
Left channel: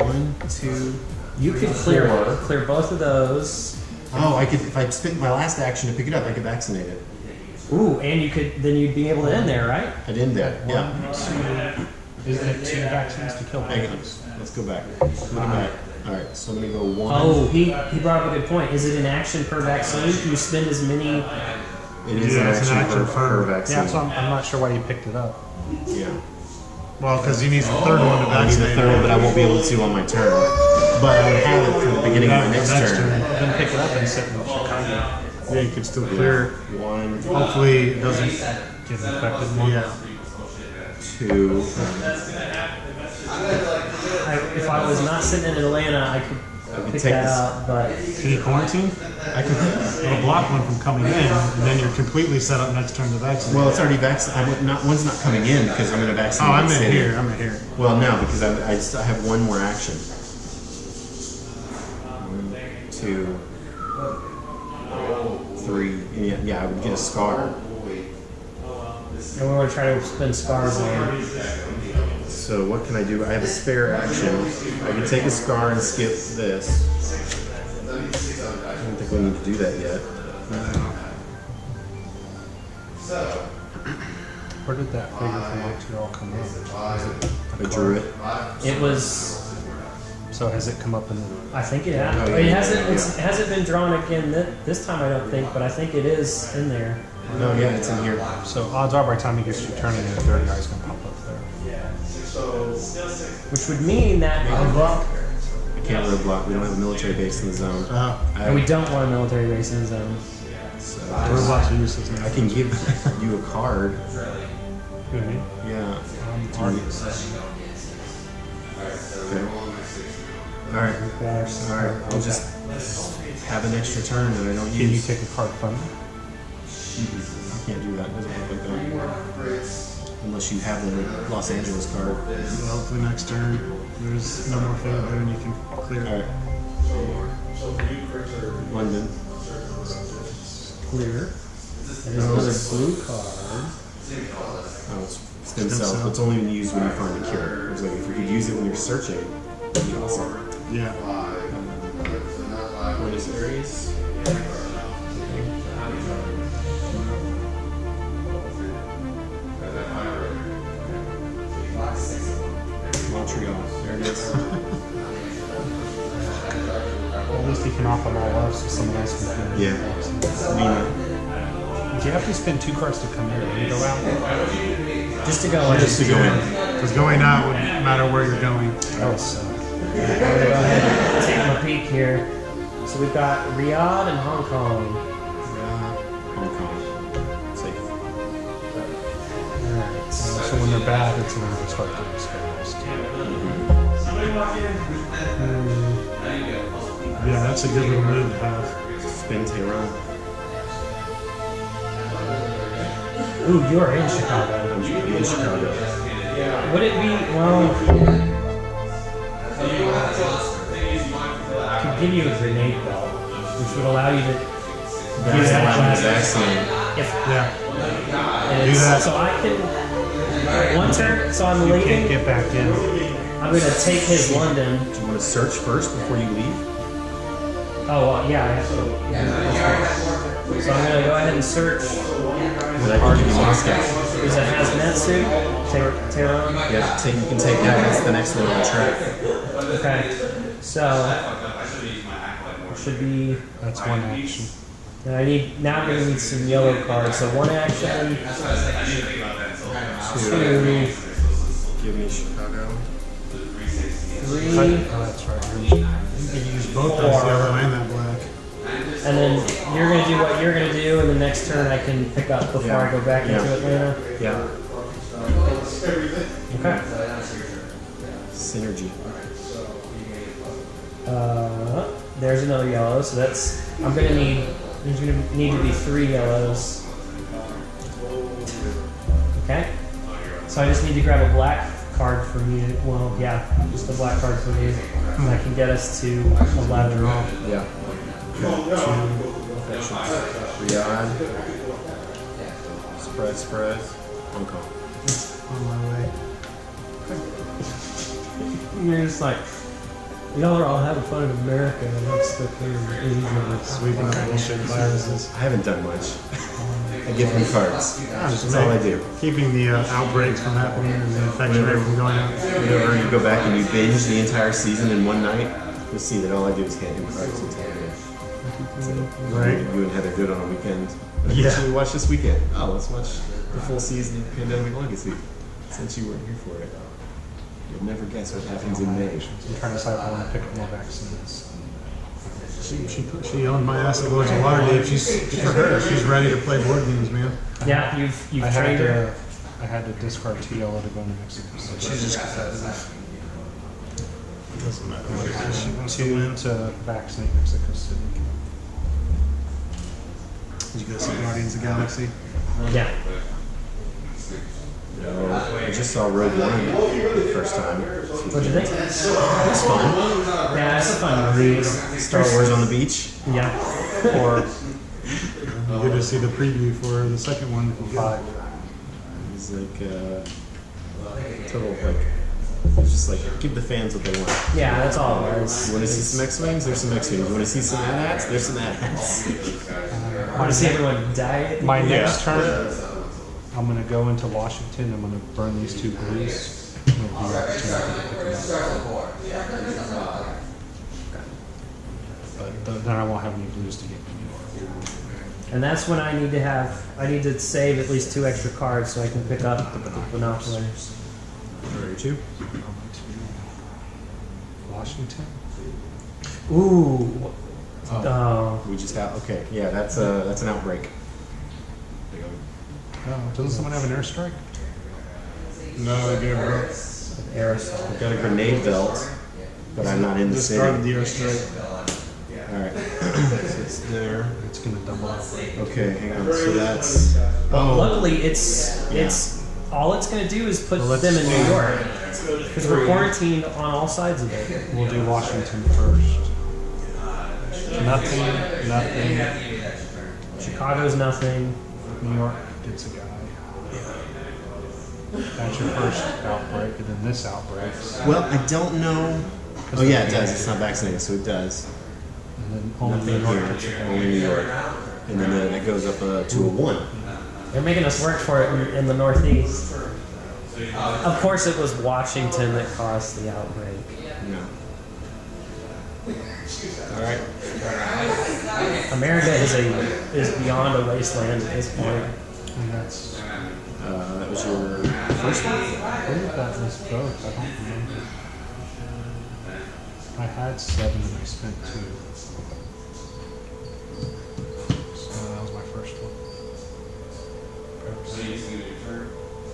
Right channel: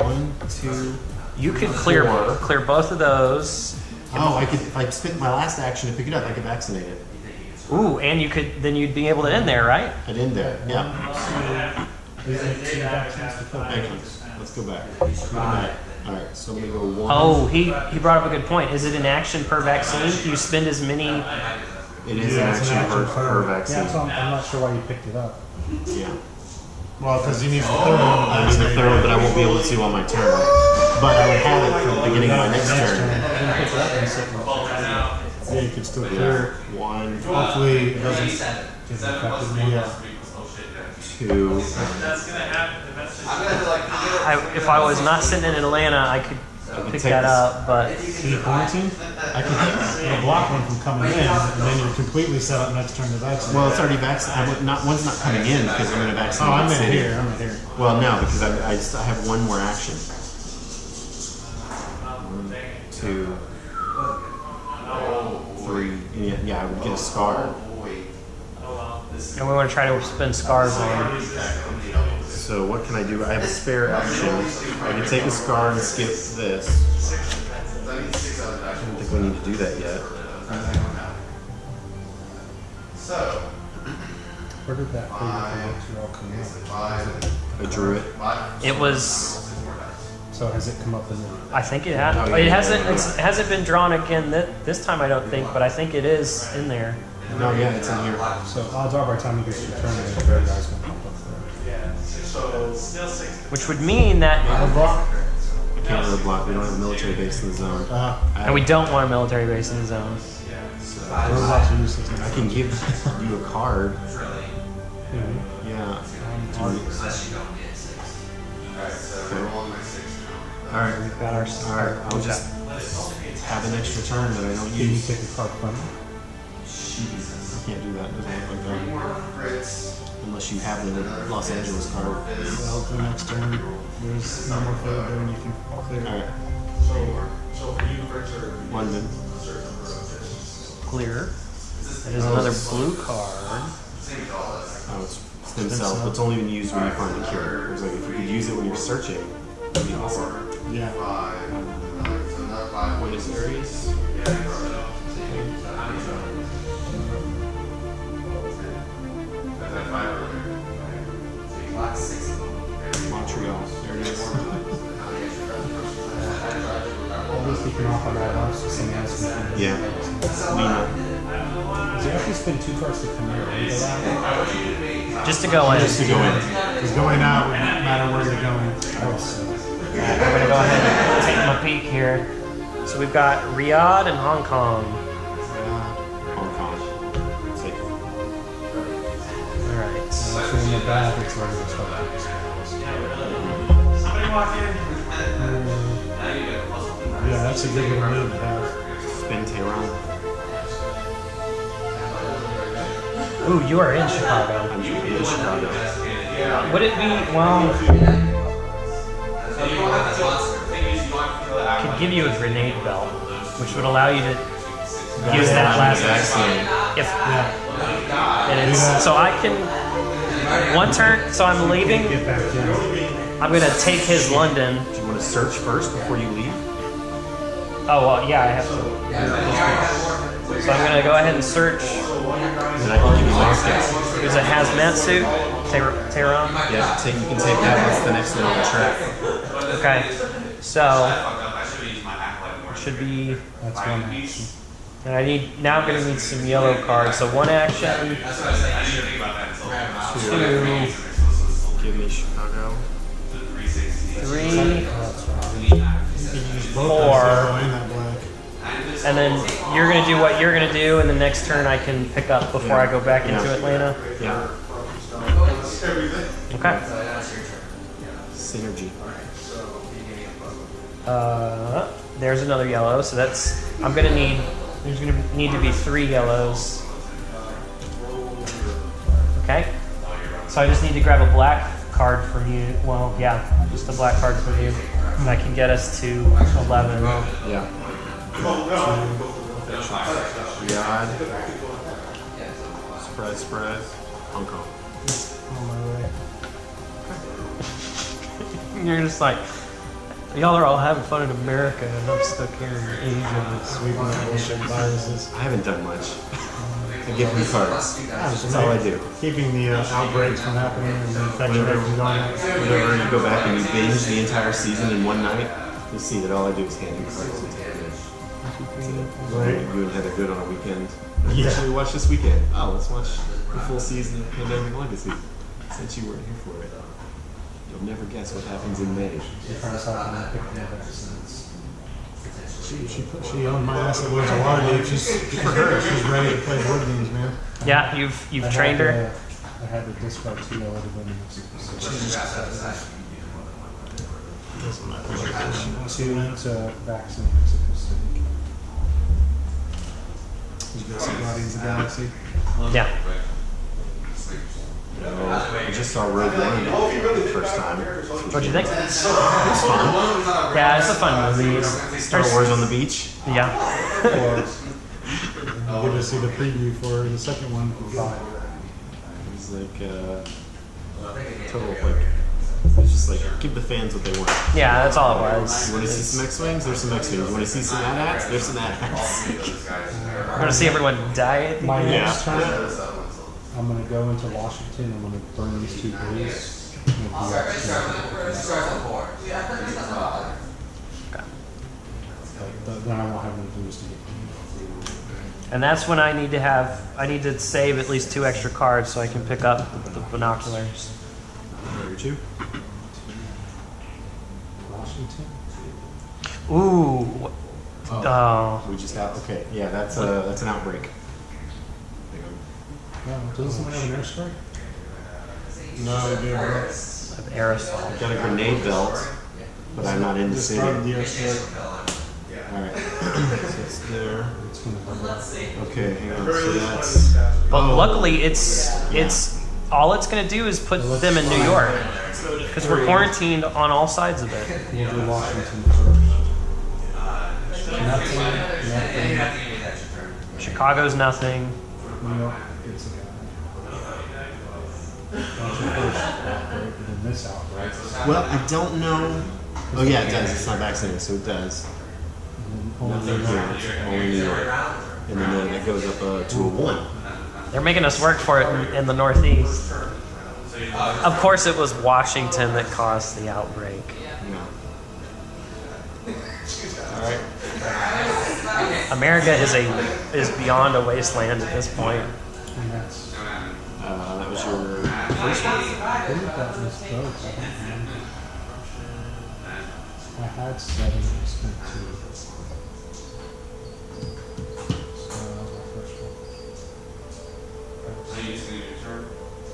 1, 2. You could 4. clear both of those. Oh, I could. If I spent my last action to pick it up, I could vaccinate it. Ooh, and then you'd be able to end there, right? I'd end there. Yeah. Isn't it 2 vaccines to kill? Hang on. Let's go back. Let's go back. All right. So I'm gonna go 1. Oh, he brought up a good point. Is it an action per vaccine? You spend as many. It is Yeah, an it's an action action per per- vaccine. Yeah, so I'm not sure why you picked it up. Yeah. Well, because he needs the third one to I need the vaccinate. third one, but I won't be able to on my turn. But I would have it from the beginning of my next turn. Then pick it up and sit in Chicago. Yeah, you could still Yeah. clear. 1, Hopefully it doesn't. Get infected more. Yeah. 2. If I was not sitting in Atlanta, I could pick take that this. up, but Can you quarantine? I can. It'll block one from coming in, and then you're completely set up next turn to vaccinate. Well, it's already vaccinated. One's not coming in because I'm going to vaccinate. Oh, I'm the in city. here. I'm in here. Well, no, because I still have one more action. 1, 2, 3. Yeah, I would get a scar. and we want to try to spend scars on. So what can I do? I have a spare action. I can take a scar and skip this. I don't think we need to do that yet. Where did that figure from Montreal come up? I drew it. It was. So has it come up in the... I think it had. Oh, yeah, It yeah, hasn't. yeah. It hasn't been drawn again this time. I don't think, but I think it is in there. No, yeah, it's in here. So odds are by the time he gets your turn, the third guy's going to pop up there. Which would mean that. I can't roadblock. We don't have a military base in the zone. And we don't want a military base in the zone. So Robots are useless now. I can give you a card. Really? Yeah. Alright. Okay. All right. All right. I'll just have an extra turn that I don't Can you use. take a card from me? I can't do that. It doesn't work like that. Unless you have the Los Angeles card. Well, the next turn, there's no more fade there, and you can clear. All right. London. Clear. There's another blue card. Oh, it's stem cells. It's only been used when you find a cure. It's like if you could use it when you're searching, it'd be awesome. Yeah. Buenos Aires. Montreal. There it is. Well, at least he can offer them all up so someone else can finish. Yeah. Lima. Do you have to spend 2 cards to come in and go out? Just to go in. Just to go in. Because going out would matter where you're going. Oh, so. I'm gonna go ahead and take my peek here. So we've got Riyadh and Hong Kong. Hong Kong. Safe. Alright, so when they're bad, it's when they start to discuss. Yeah, that's a good little move to have. Spin Tehran. Ooh, you are in Chicago. I'm in Chicago. Would it be, well, I could give you a grenade belt, which would allow you to use that Allow me last to vaccinate. if Yeah. and Do it's, that. so I can one turn. So I'm leaving. Get back in. I'm gonna take his London. Do you want to search first before you leave? Oh well, yeah, I have to. So I'm gonna go ahead and search. Then I can give you Moscow. There's a hazmat suit. Tehran. Yeah, you can take that. That's the next one on the track. Okay. So it should be. That's one action. And I need now. I'm gonna need some yellow cards. So one action. Two. Give me Chicago. Three. Oh, that's right. You can use both Four. that yellow and that black. And then you're gonna do what you're gonna do, and the next turn I can pick up before Yeah. I go back into Yeah. Atlanta. Yeah. Okay. Synergy. There's another yellow, so that's I'm gonna need. There's gonna need to be 3 yellows. Okay. So I just need to grab a black card from you. Well, yeah, just a black card from you. That can get us to 11. Yeah. Riyadh. Spread. Hong Kong. On my way. You're just like, y'all are all having fun in America, and I'm stuck here in Asia. Sweeping up bullshit viruses. I haven't done much. I give them cards. That's all I do. Keeping the outbreaks from happening and the infection rate from going up. Whenever you go back and you binge the entire season in one night, you'll see that all I do is hand him cards and tell him Right. you and Heather good on a weekend. Yeah. What should we watch this weekend? Oh, let's watch the full season of Pandemic Legacy. Since you weren't here for it. You'll never guess what happens in May. You're trying to decide if I want to pick up more vaccines. She owned my ass at Lords of Waterdeep. She's good for her. She's ready to play board games, man. Yeah, you've I trained had her. I had to discard 2 yellow to go to Mexico. She's just competitive. Doesn't matter what it is. She wants to 2 win. to vaccinate Mexico City. Did you go see Guardians of the Galaxy? Yeah. No, I just saw Rogue One the first time. What'd you think? It was fun. Yeah, it's a fun movie. Star Wars on the beach. Yeah. Or you get to see the preview for the second one. It was like total like. It was just like give the fans what they want. Yeah, that's all it was. You want to see some X-wings? There's some X-wings. You want to see some AT-ATs? There's some AT-ATs. I want to see everyone die. My Yeah. next turn, I'm going to go into Washington. I'm going to burn these 2 blues. I'm gonna do that to But then I won't have any blues to get. And that's when I need to save at least 2 extra cards so I can pick up the binoculars. Draw your 2. Washington? Ooh. Oh. We just have okay. Yeah, that's an outbreak. There you go. No, doesn't someone have an airstrike? No, they do. An aerosol. I've got a grenade belt, but I'm not in the Just city. started the airstrike. All right, so it's there. It's going to double up. Okay, hang on. So that's. But luckily, it's all it's going to do is put them in New York because we're quarantined on all sides of it. We'll do Washington first. Nothing. Chicago's nothing. New York gets a guy. That's your first outbreak, and then this outbreak. Well, I don't know. Oh yeah, it does. It's not vaccinated, so it does. And then only Nothing New York. here, only New York, and then that goes up to a 1. They're making us work for it in the Northeast. Of course, it was Washington that caused the outbreak. Yeah. All right. America is beyond a wasteland at this point. And that's. That was your first one. I think that was both. I don't remember. I had 7 and I spent 2. So that was my first one.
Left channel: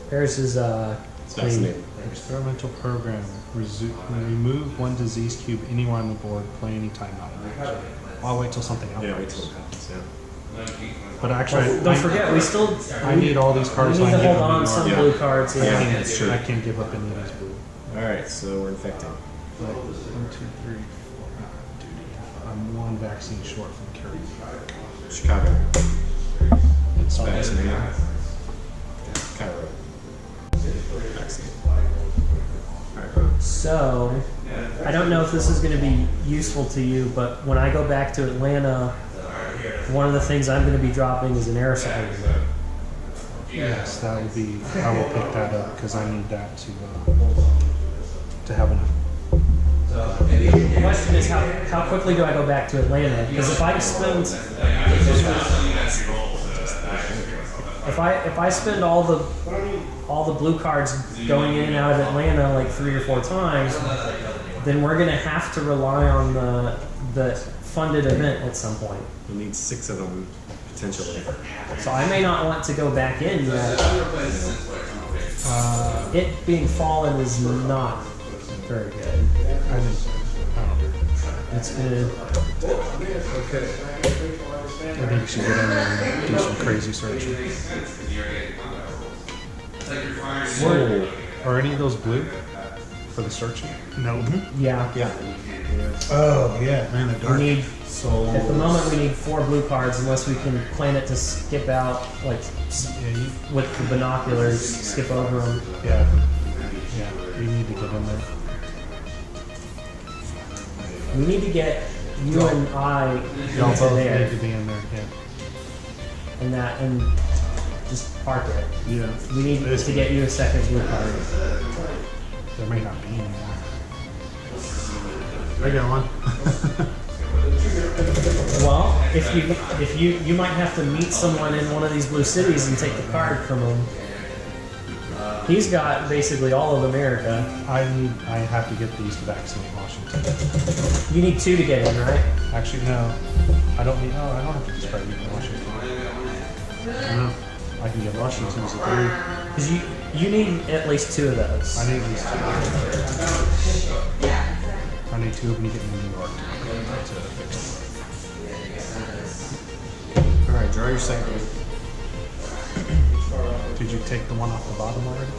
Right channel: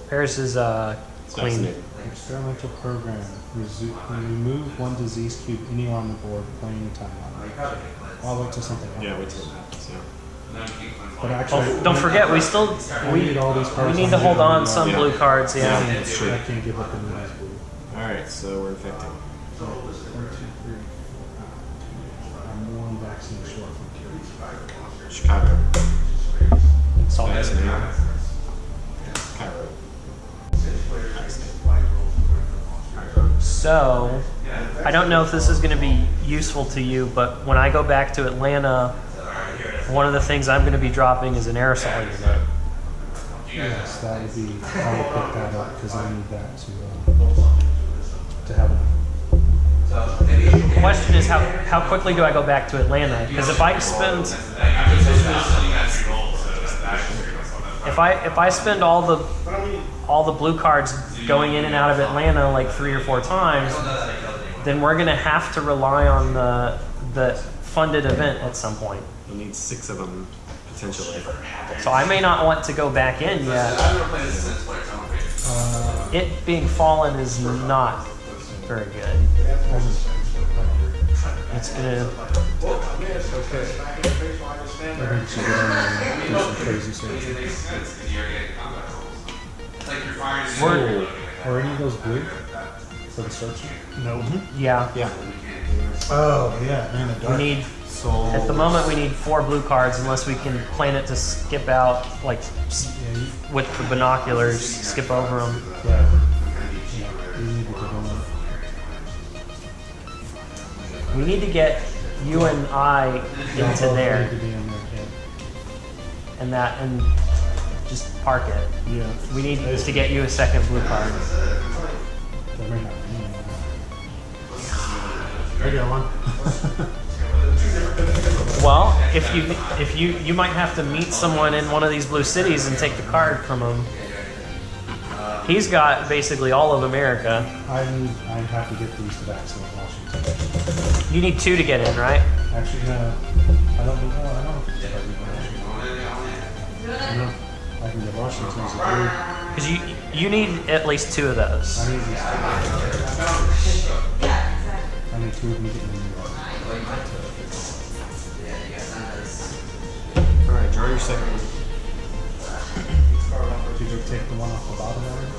Paris is It's clean. vaccinated. Experimental program. Remove one disease cube anywhere on the board. Play anytime. I'll wait till something happens. Yeah, wait till it happens. Yeah. But actually, Don't forget, we still I need all these we cards. need to I hold need on some Yeah. blue cards. Yeah. Yeah. That's true. I can't give up any of these blue. All right, so we're infecting. 1, 2, 3, 4, 5. I'm one vaccine short from curing. Chicago. Solid. Vaccinate. Cairo. Vaccinate. All right, Ron. So, I don't know if this is going to be useful to you, but when I go back to Atlanta, one of the things I'm going to be dropping is an aerosol unit. Yes, that would be. I will pick that up because I need that to have them. The question is how quickly do I go back to Atlanta? Because if I spend if I spend all the blue cards going in and out of Atlanta like 3 or 4 times, then we're gonna have to rely on the funded event at some point. You'll need 6 of them potentially. So I may not want to go back in yet. It being fallen is not very good. It's gonna. I need to get on there and do some crazy searching. Whoa. Are any of those blue for the searching? Nope. Yeah. Yeah. Oh yeah, man, the We dark. need. So At the moment, we need 4 blue cards unless we can plan it to skip out, like with the binoculars, skip over them. Yeah. Yeah. You need to get in there. We need to get you and I Y'all into both need there to be in there. Yeah. and just park it. Yeah. We need to get you a second blue card. There may not be any there. I got one. Well, if you might have to meet someone in one of these blue cities and take the card from him. He's got basically all of America. I have to get these to vaccinate Washington. You need 2 to get in, right? Actually, no. I don't need. Oh, I don't have to discard even Washington. No. I can get Washington's a 3. Because you need at least 2 of those. I need these 2. I need 2 of them getting in New York. all right, draw your second one. Did you take the one off the bottom already?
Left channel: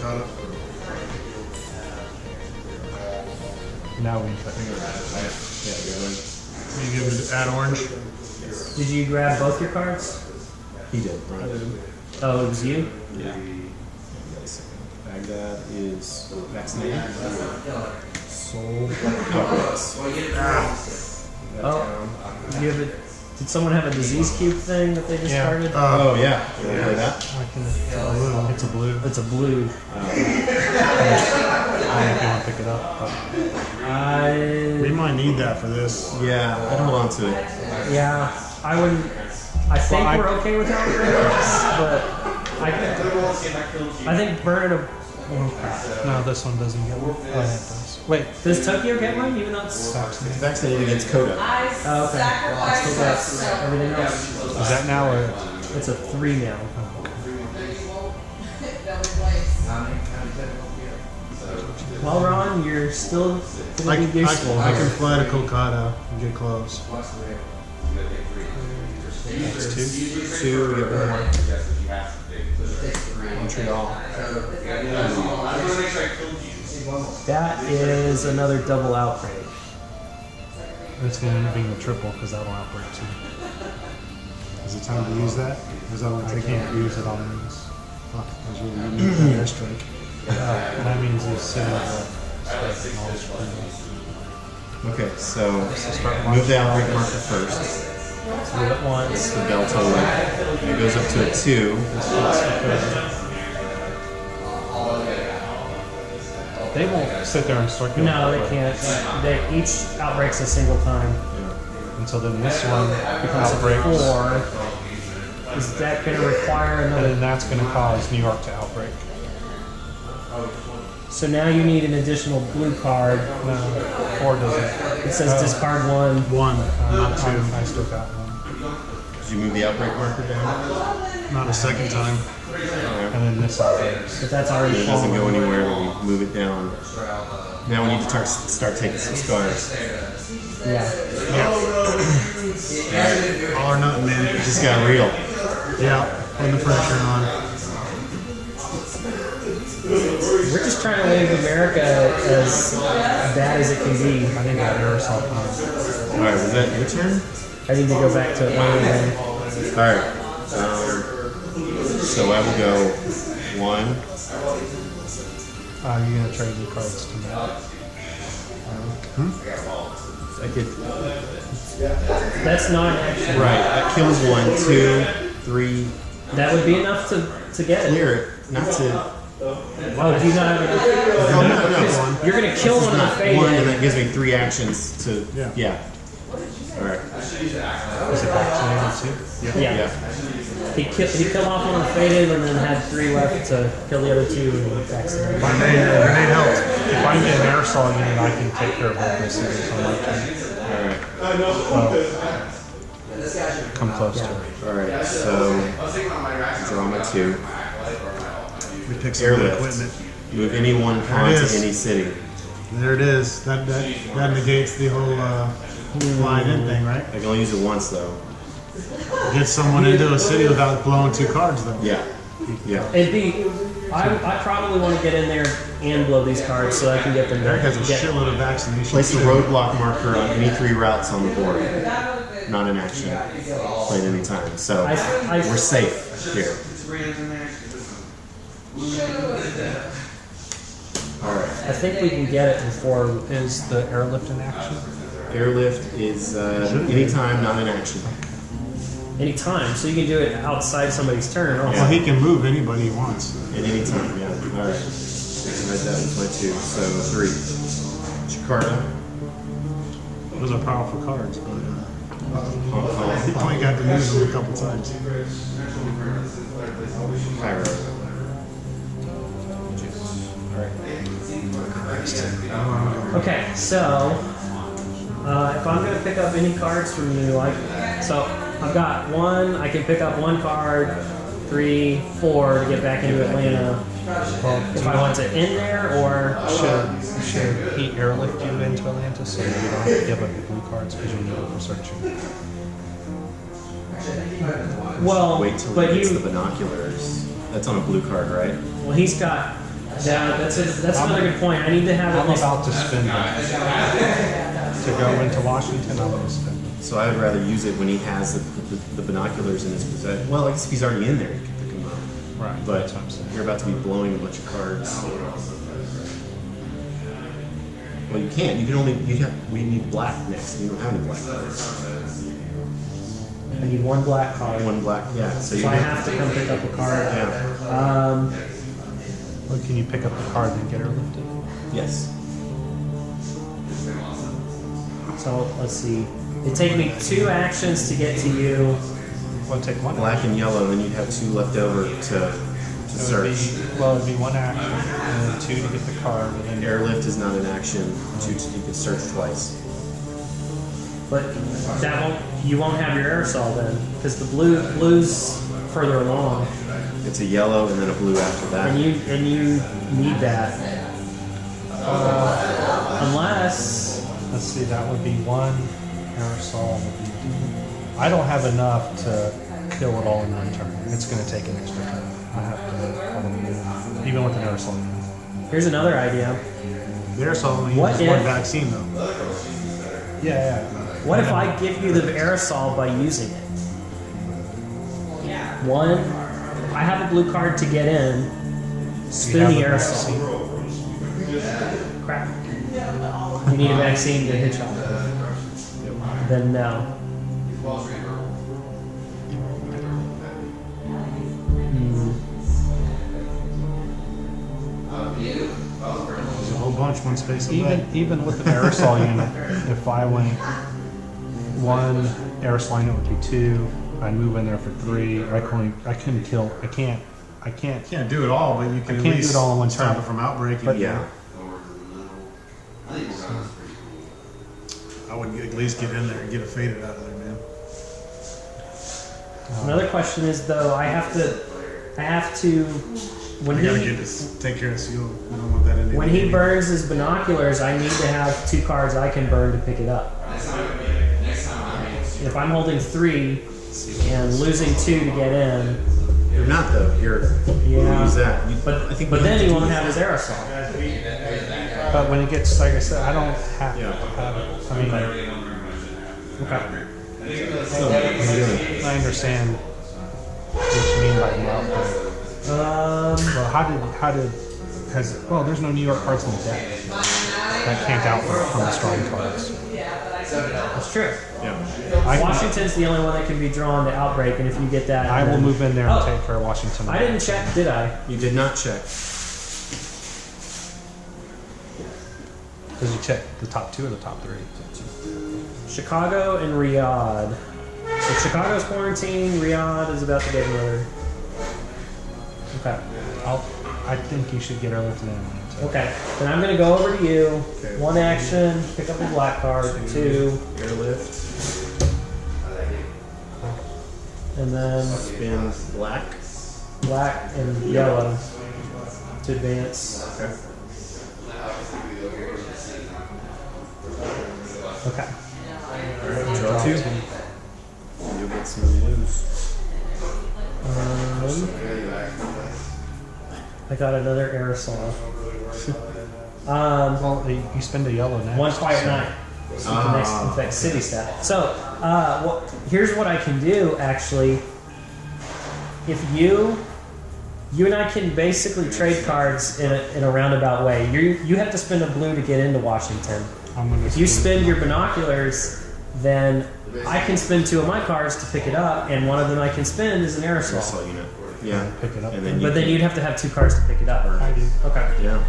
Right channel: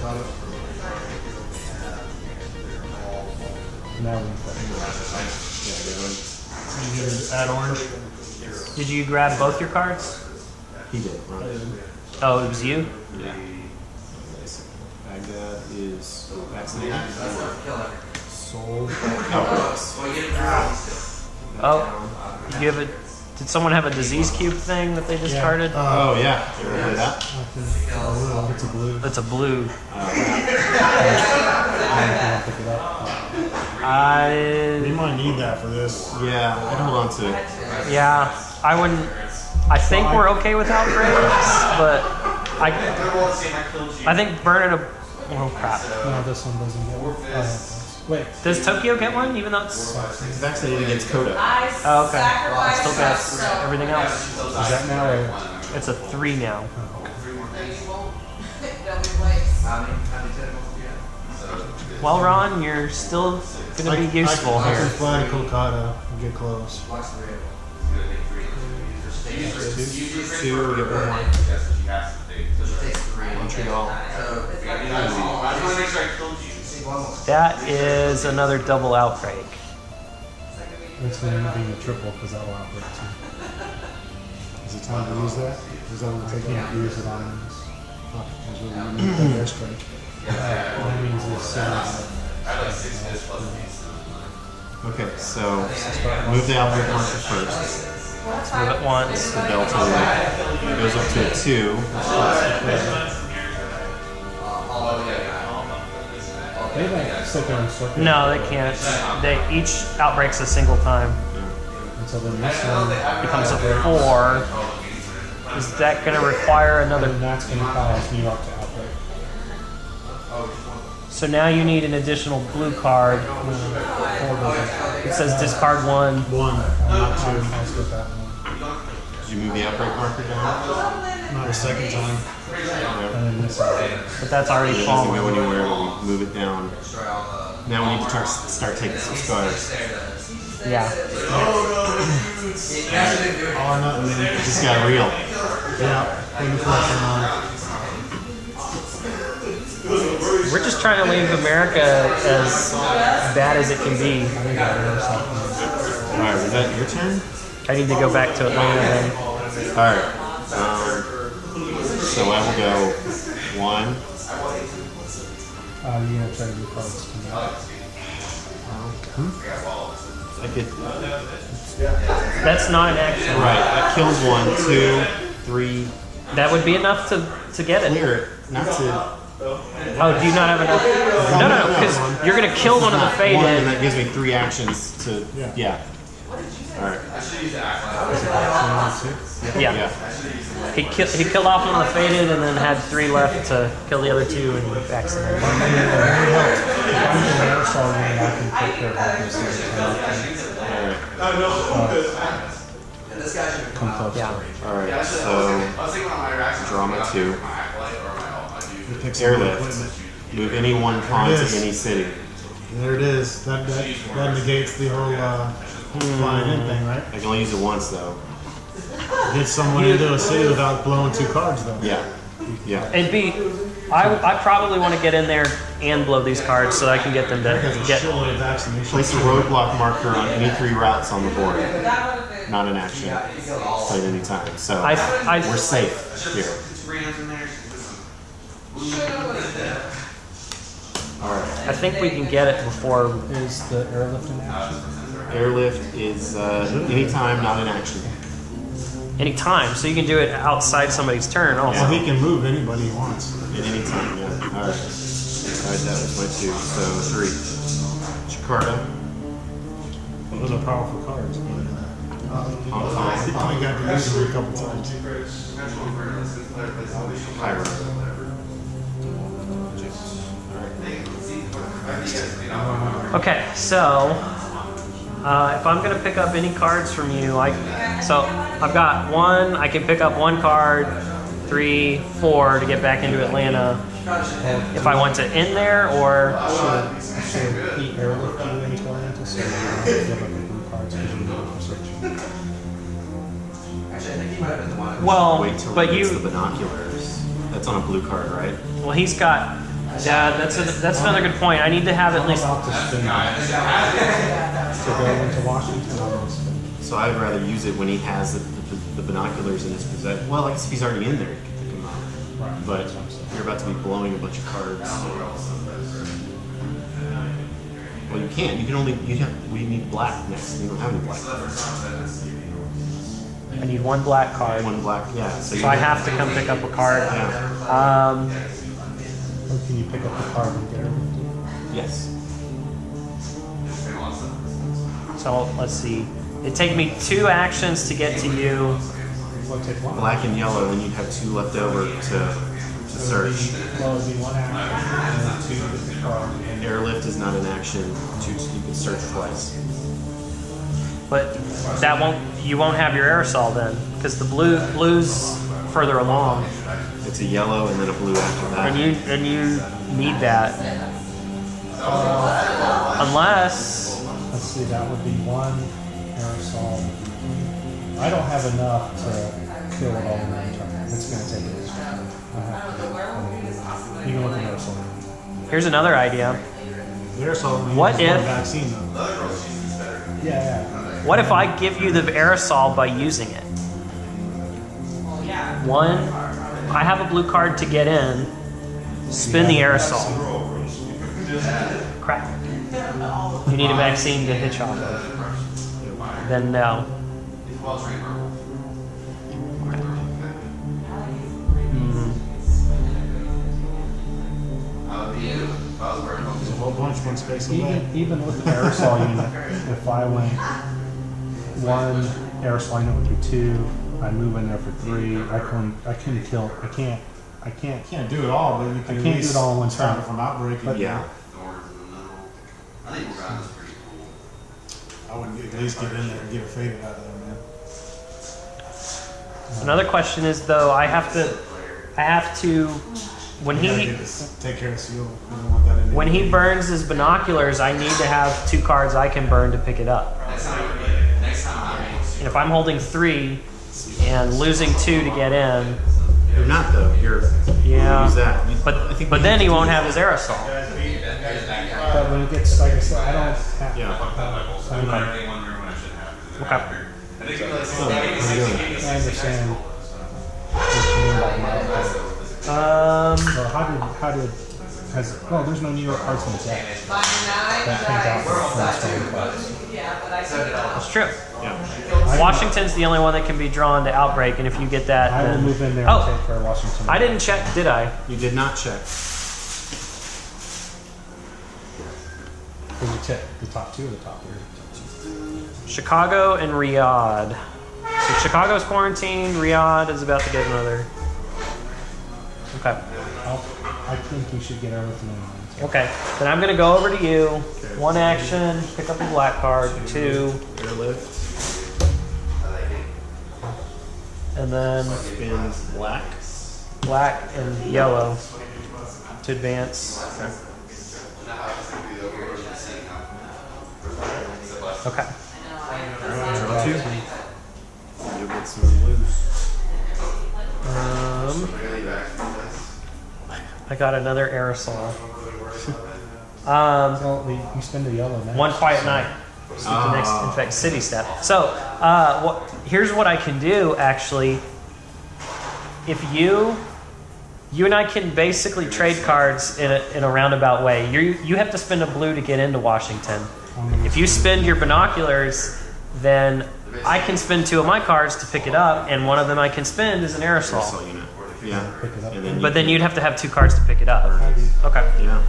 Caught up. Now we infect. Yeah, go ahead. You give it add orange. Did you grab both your cards? He did. Ron did. Oh, it was you? Yeah. Baghdad is vaccinated. Soul outbreaks. Oh, you have a. Did someone have a disease cube thing that they discarded? Oh yeah. You want to play that? I can. It's a blue. It's a blue. I don't know if you want to pick it up. We I. might need that for this. Yeah, I'd hold on to it. Yeah, I wouldn't. I think Well, we're okay with outbreaks, but I think burn it. Oh crap! No, this one doesn't get one. Oh, yeah, it does. Wait. Does Tokyo get one? Even though it's. It's vaccinated against Coda. Oh, okay. Still got everything else. Is that now or? It's a 3 now. Well, Ron, you're still gonna be useful. I can fly to Kolkata and get close. That's 2. We get 1 more. Montreal. That is another double outbreak. It's going to end up being a triple because that'll outbreak too. Is it time to use that? Is that what I take can't use it on these. Fuck, I was really need that airstrike. That means it's sitting Okay, so move the outbreak marker first. Move it once. The delta one. It goes up to a 2. They won't sit there and circulate. No, they can't. Each outbreak's a single time. And so then this one Becomes a 4. Is that going to require and then another? that's going to cause New York to outbreak. So now you need an additional blue card. Or does it? It says discard 1. One, not I two. still got one. Did you move the outbreak marker down? Not a second time. and then this out there. But that's already It doesn't go fallen. anywhere when we move it down. Now we need to start taking some scars. Yeah. All or nothing, man. It just got real. Yeah, putting the pressure on. We're just trying to leave America as bad as it can be. I think that aerosol can. All right, was that your turn? I need to go back to Atlanta then. All right. So I will go 1. You're gonna trade the cards to me. I could. That's not an action. Right. That kills 1, 2, 3. That would be enough to get it. Clear it. Not to. Oh, do you not have enough? No, because you're gonna kill one of the Not 1, and faded. that gives me 3 actions to. Yeah. All right. Yeah. He killed off one of the faded and then had 3 left to kill the other 2 and accidentally. Grenade helped. If I need an aerosol unit, I can take care of all this. All right. Come close Yeah. to it. All right. So draw my 2. We pick some new Airlift. equipment. Move any 1 pawn There it to is. any city. There it is. That negates the whole flying in thing, right? I can only use it once though. Get someone into a city without blowing 2 cards, though. Yeah. Yeah. It'd be. I probably want to get in there and blow these cards so I can get them Eric has a to get. shitload of vaccination. Place a roadblock marker on any 3 routes on the board. Not an action. Played any time. So we're safe here. All right. I think we can get it before. Is the airlift in action? Airlift is anytime, not an action. Any time, so you can do it outside somebody's turn. Oh, Well, he can move anybody he wants. At any time, yeah. All right. All right, that was my 2. So 3. Jakarta, Those are powerful cards. But, Hong Kong, he only got to use them a couple times. Cairo. Okay, so if I'm gonna pick up any cards from you, so I've got 1. I can pick up 1 card, 3, 4 to get back into Atlanta. If I want to end there, or Should he airlift you into Atlanta so you don't have to give up the blue cards because you need it for searching? well, Wait till but he gets you, the binoculars. That's on a blue card, right? well, he's got. Yeah, that's another good point. I need to have at I'm least. about to spend it. To go into Washington, I'm going to spend it. So I would rather use it when he has the binoculars in his possession. Well, I guess if he's already in there, he can pick them up. Right. But That's what I'm saying. you're about to be blowing a bunch of cards. Well, you can't. You can only. We need black next. You don't have any black cards. I need 1 black card. 1 black. Yeah. So you So I have to come pick up a card. Yeah. Or can you pick up the card and get airlifted? Yes. So let's see. It'd take me 2 actions to get to you. Well, take 1 Black and yellow, then you'd have 2 left over to search. Well, it'd be 1 action, and then 2 to get the card, and then Airlift is not an action. 2 you can search twice. But that won't. You won't have your aerosol then, because the blue's further along, It's a yellow and then a blue after that. and you need that. Unless let's see, that would be 1 aerosol. I don't have enough to kill it all in one turn. It's going to take an extra turn. I have to, even with an aerosol. here's another idea. The aerosol only What uses 1 if- vaccine, though. Yeah. What if I give you the aerosol by using it? 1, I have a blue card to get in. Spin the aerosol. Crap. You need a vaccine to hitch off of. Then no. There's a whole bunch one space away. Even with the aerosol unit, if I went 1 aerosol unit would be 2. I'd move in there for 3. I couldn't kill. I can't. You can't do it all, but you can I at can't do least it all in one stop turn. it from outbreaking. But- Yeah. I would at least get in there and get it faded out of there, man. Another question is though, I have to. I have to when You gotta he take care of seal. You don't want that in when he burns his binoculars, I need to have 2 cards I can burn to pick it up. And if I'm holding 3 and losing 2 to get in, You're not though. You're yeah. use that. I But think but we then have he to do won't that. have his aerosol. But when it gets, like I said, I don't have. Yeah. I mean, like, Okay. So, what are you doing? I understand what you mean by milk. Well, well, there's no New York cards in the deck that can't out from the strong cards. That's true. Yeah. Washington's the only one that can be drawn to outbreak, and if you get that, I will then- move in there and Oh. take for Washington. I didn't check, did I? You did not check. Did you check the top 2 or the top 3? Chicago and Riyadh. So Chicago's quarantined. Riyadh is about to get another. Okay. I think you should get Arlington in. Okay. Then I'm gonna go over to you. Okay. 1 action. Pick up a black card. 2, Airlift. and then Spin black. black and yellow to advance. Okay. Okay. Draw 2. You'll get some loose. I got another aerosol. Well, you spend a yellow now. 1 quiet night. So the next infect city step. So here's what I can do actually. If you and I can basically trade cards in a roundabout way. You have to spend a blue to get into Washington. If you spend your binoculars, then I can spend 2 of my cards to pick it up, and one of them I can spend is an aerosol. Aerosol unit. Yeah. Pick it up. And then But then you'd have to have 2 cards to pick it up. I do. Okay. Yeah.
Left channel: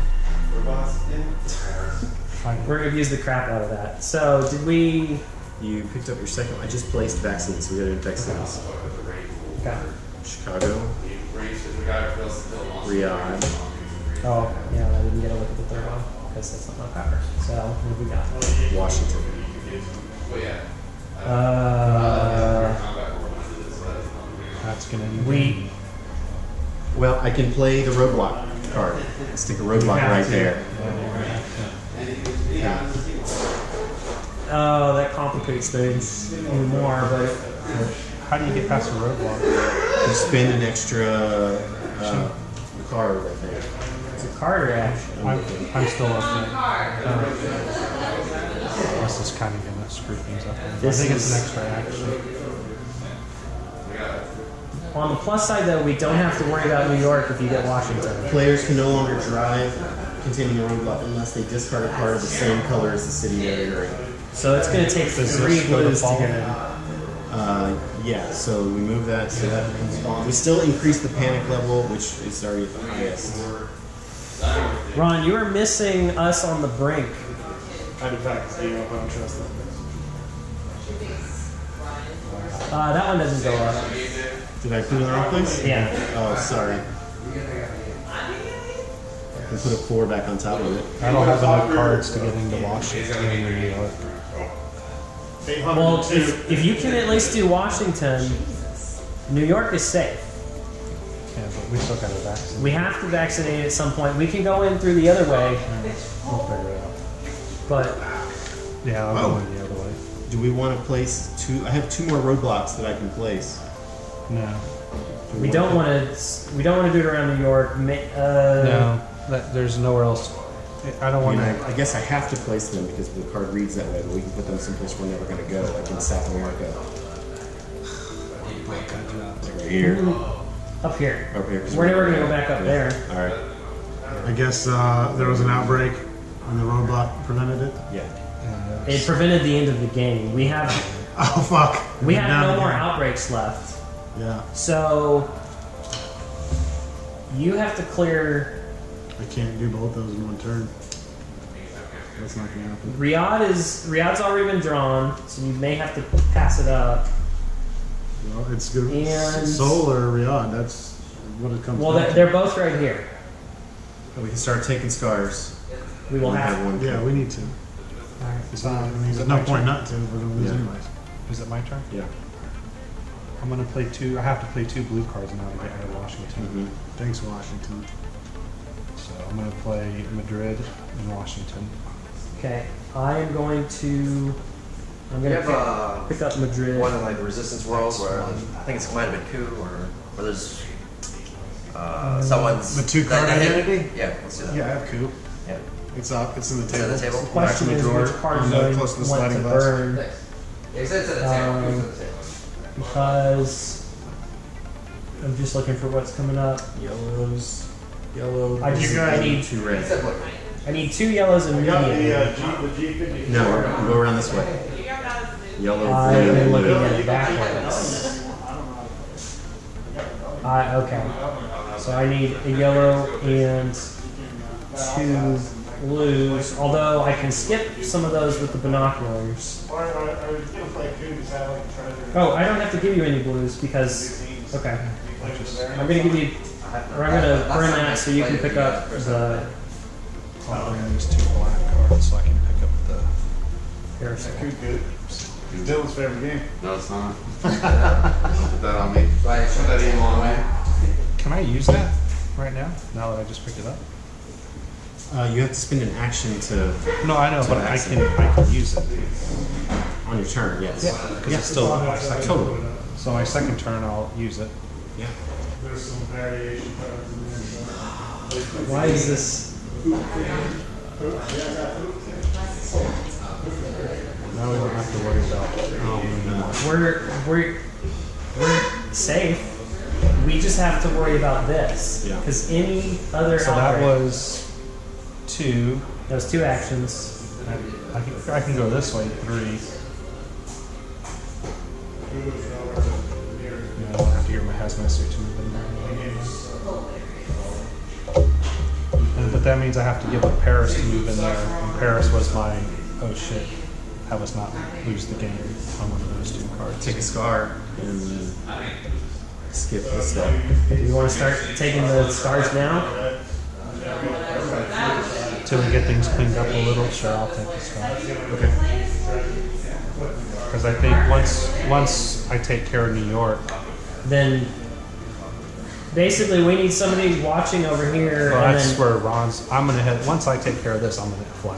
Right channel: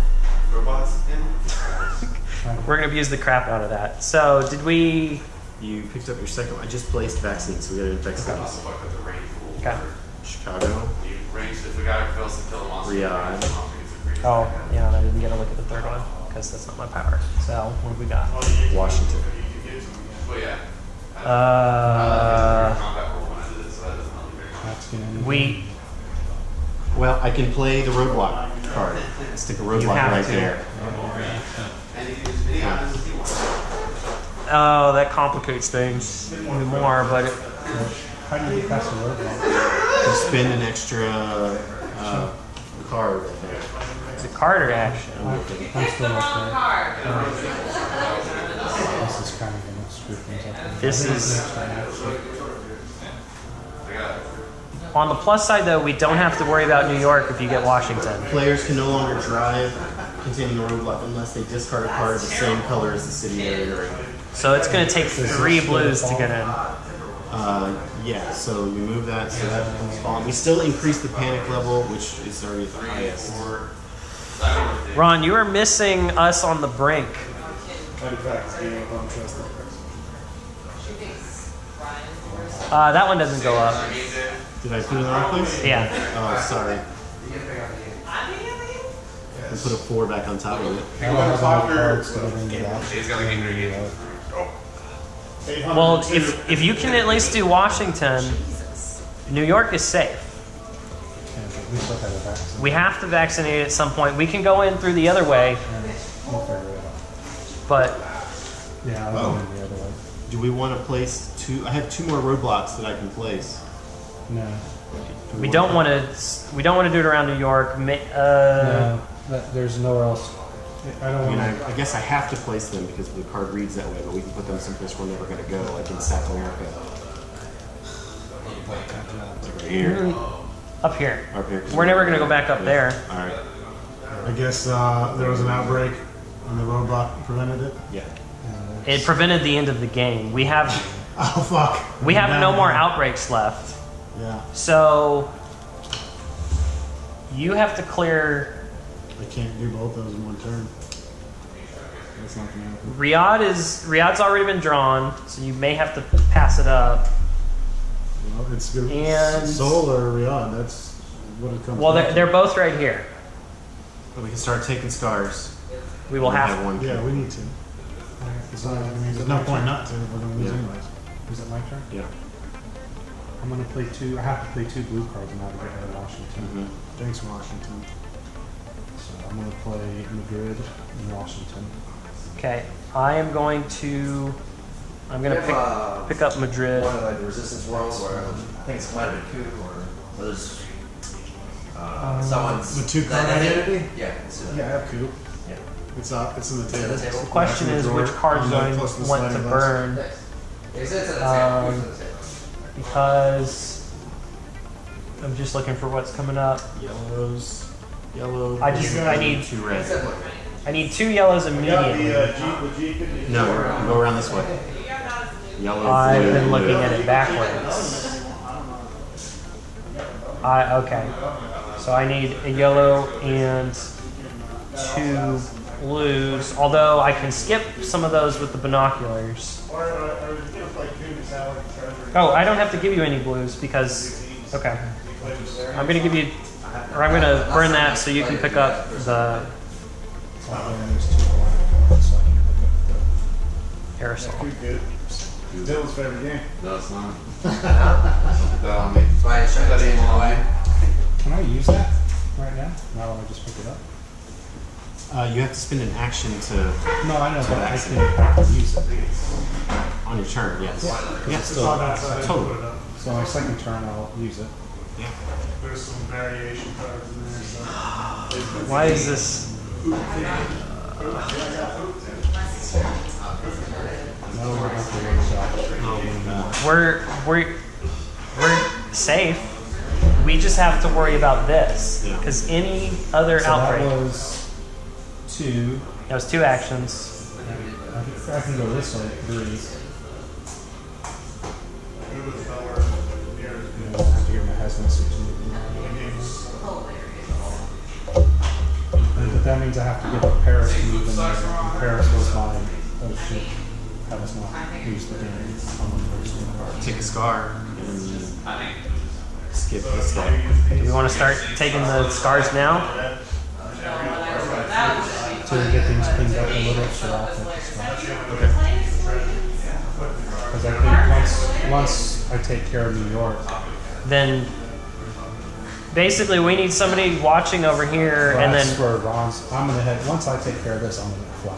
We're gonna use the crap out of that. So did we? You picked up your second one. I just placed vaccines, so we gotta infect cities. Okay. Chicago. Riyadh. Oh yeah, I didn't get a look at the third one because that's not my power. So what have we got? Washington. That's gonna. We Well, I can play the roadblock card. Stick a roadblock have right to. there. Yeah. Oh, that complicates things even more, but How do you get past the roadblock? You spend an extra card, I think. it's a card reaction. I'm still okay. This is kind of gonna screw things up. This I think it's is- an extra action. On the plus side, though, we don't have to worry about New York if you get Washington. Players can no longer drive containing a roadblock unless they discard a card of the same color as the city they're in. So it's going to take 3 blues to get in. Yeah, so we move that so that becomes spawn. We still increase the panic level, which is already at the highest. Ron, you are missing us on the brink. I'm interested. That one doesn't go up. Did I put it in the wrong place? Yeah. Oh, sorry. We put a 4 back on top of it. I don't have enough cards to get into Washington and New York. Well, if you can at least do Washington, New York is safe. Yeah, but we still got to vaccinate. We have to vaccinate at some point. We can go in through the other way, We'll figure it out. but Yeah, I'll Oh. go in the other way. Do we want to place 2? I have 2 more roadblocks that I can place. No. we don't want to. We don't want to do it around New York. No. There's nowhere else. I don't I want mean, to. I guess I have to place them because the card reads that way, but we can put them someplace we're never going to go, like in South America. Like right here. Up here. Up here. 'Cause We're never going to go back up Yeah. there. All right. I guess there was an outbreak and the roadblock prevented it. Yeah. It prevented the end of the game. We have Oh fuck. we have Down no more again. outbreaks left. Yeah, So you have to clear. I can't do both those in one turn. That's not gonna happen. Riyadh's already been drawn, so you may have to pass it up. Well, it's good. And- Soul or Riyadh. That's what it comes. Well, down to. they're both right here. But we can start taking scars. We will We have. one. Yeah, we need to. Alright, I mean, there's no point not to. We're gonna lose Yeah. anyways. Is it my turn? Yeah. I'm gonna play two. I have to play 2 blue cards now to get rid of Washington. Thanks, Washington. So I'm gonna play Madrid and Washington. Okay, I am going to. I'm We gonna have pick up Madrid. one in like the Resistance world where I think it's quite a bit coup or there's someone's The 2-card identity? Yeah. Yeah, I have coup. Yeah. It's up. It's in the Is table. it the table? The question Back in is the drawer, which cards on do the- I close to the want to sliding glass. burn It's at the table. It's at the table. because I'm just looking for what's coming up. Yellows. Yellow. I need 2 red. I need 2 yellows immediately. No, go around this way. Yellow, I've blue, been looking blue. at it backwards. Okay. So I need a yellow and 2 blues. Although I can skip some of those with the binoculars. Oh, I don't have to give you any blues because. Okay. I'm gonna give you, or I'm gonna burn that so you can pick up the I'll bring these 2 black cards so I can pick up the. parasol. Good. Dylan's favorite game. No, it's not. Put that on me. Put that email on me. Can I use that right now? Now that I just picked it up? You have to spend an action to No, I know, To but I can use it. on your turn. Yes. Because it's still. Totally. So my second turn, I'll use it. Yeah. There's some variation cards in there. So. Why is this? Now we don't have to worry about. Oh my God. We're safe. We just have to worry about this Yeah. because any other So that outbreak. was 2. That was 2 actions. I can go this way, 3. Yeah, I'll have to hear my hazmat suit to move in there. But that means I have to give up Paris to move in there. And Paris was my, oh shit, have us not lose the game on one of those 2 cards. Take a scar and skip the step. Do we want to start taking the scars now? To get things cleaned up a little, sure, I'll take the scotch. Okay. Because I think once I take care of New York, Then basically we need somebody watching over here, well, and that's then where Ron's. I'm gonna head. Once I take care of this, I'm gonna fly.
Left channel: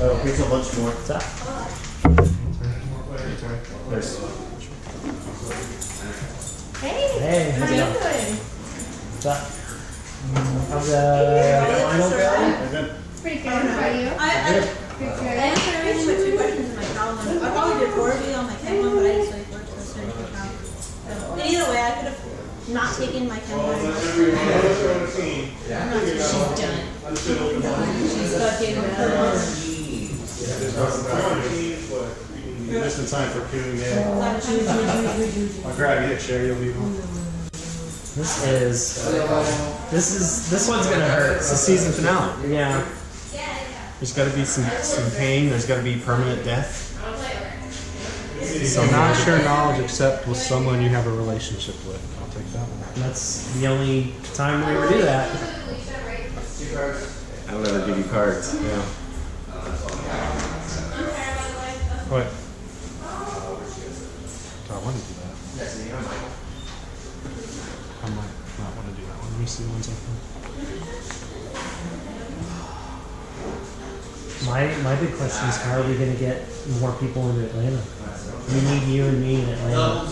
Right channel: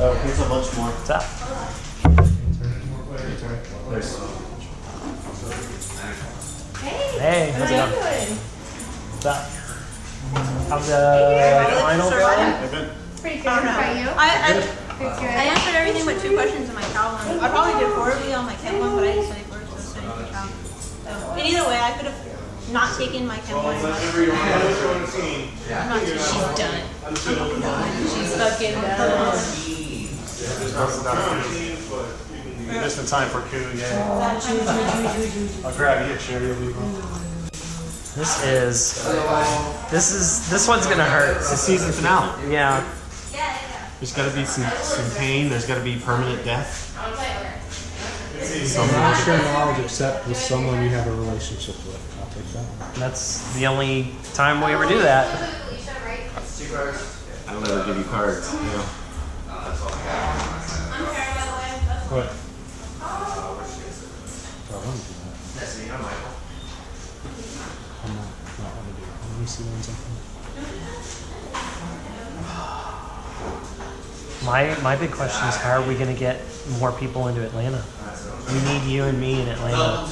Oh, here's a bunch more. what's up? There's Hey, how's it going? What's up? How's the final going? Pretty good. How about you? I answered everything but 2 questions in my cow one. I probably did 4 of you on my chem one, but I didn't study for it, so I studied for cow. And either way, I could have not taken my chem one. I'm not too She's done. She's fucking done. Just in time for coup, yeah. I'll grab you a chair, you'll be home. This one's gonna hurt. it's the season finale. Yeah. There's got to be some pain. There's got to be permanent death. So not share knowledge except with someone you have a relationship with. I'll take that one. That's the only time we ever do that. I don't ever give you cards. You know. What? So I want to do that. I might not want to do that one. Let me see one second. My big question is how are we gonna get more people into Atlanta? We need you and me in Atlanta,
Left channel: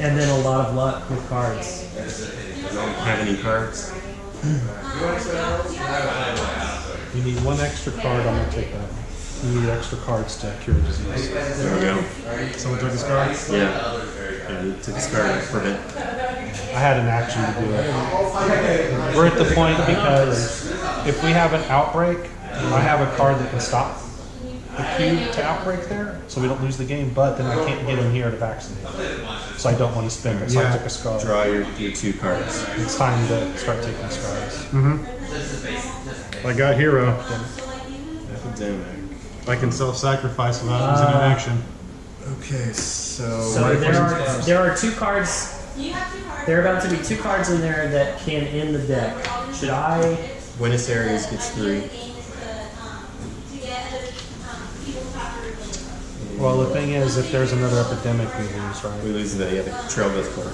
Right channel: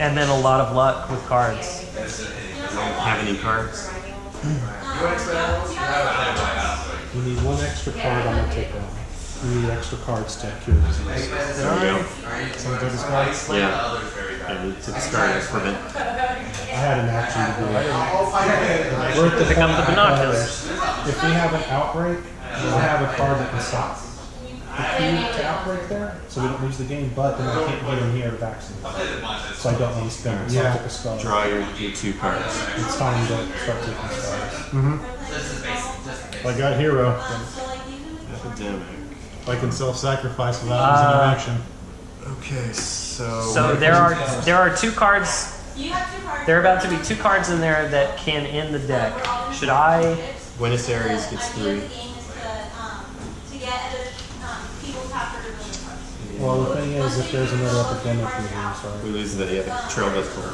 and then a lot of luck with cards. I don't have any cards. You need 1 extra card. I'm gonna take that one. You need extra cards to cure disease. There we go. Someone took his card? Yeah. I need to discard it. Prevent. I had an action to do it. We're at the point because if we have an outbreak, I have a card that can stop the queue to outbreak there, so we don't lose the game. But then I can't get in here to vaccinate, so I don't want to spend it. So I took a scar. Draw your 2 cards. It's time to start taking scars. I got hero. Epidemic. I can self-sacrifice without using an action. Okay, so. So there are 2 cards. There are about to be 2 cards in there that can end the deck. Should I? Buenos Aires gets 3. Well, the thing is, if there's another epidemic, we lose, right? We lose the trail goes cold.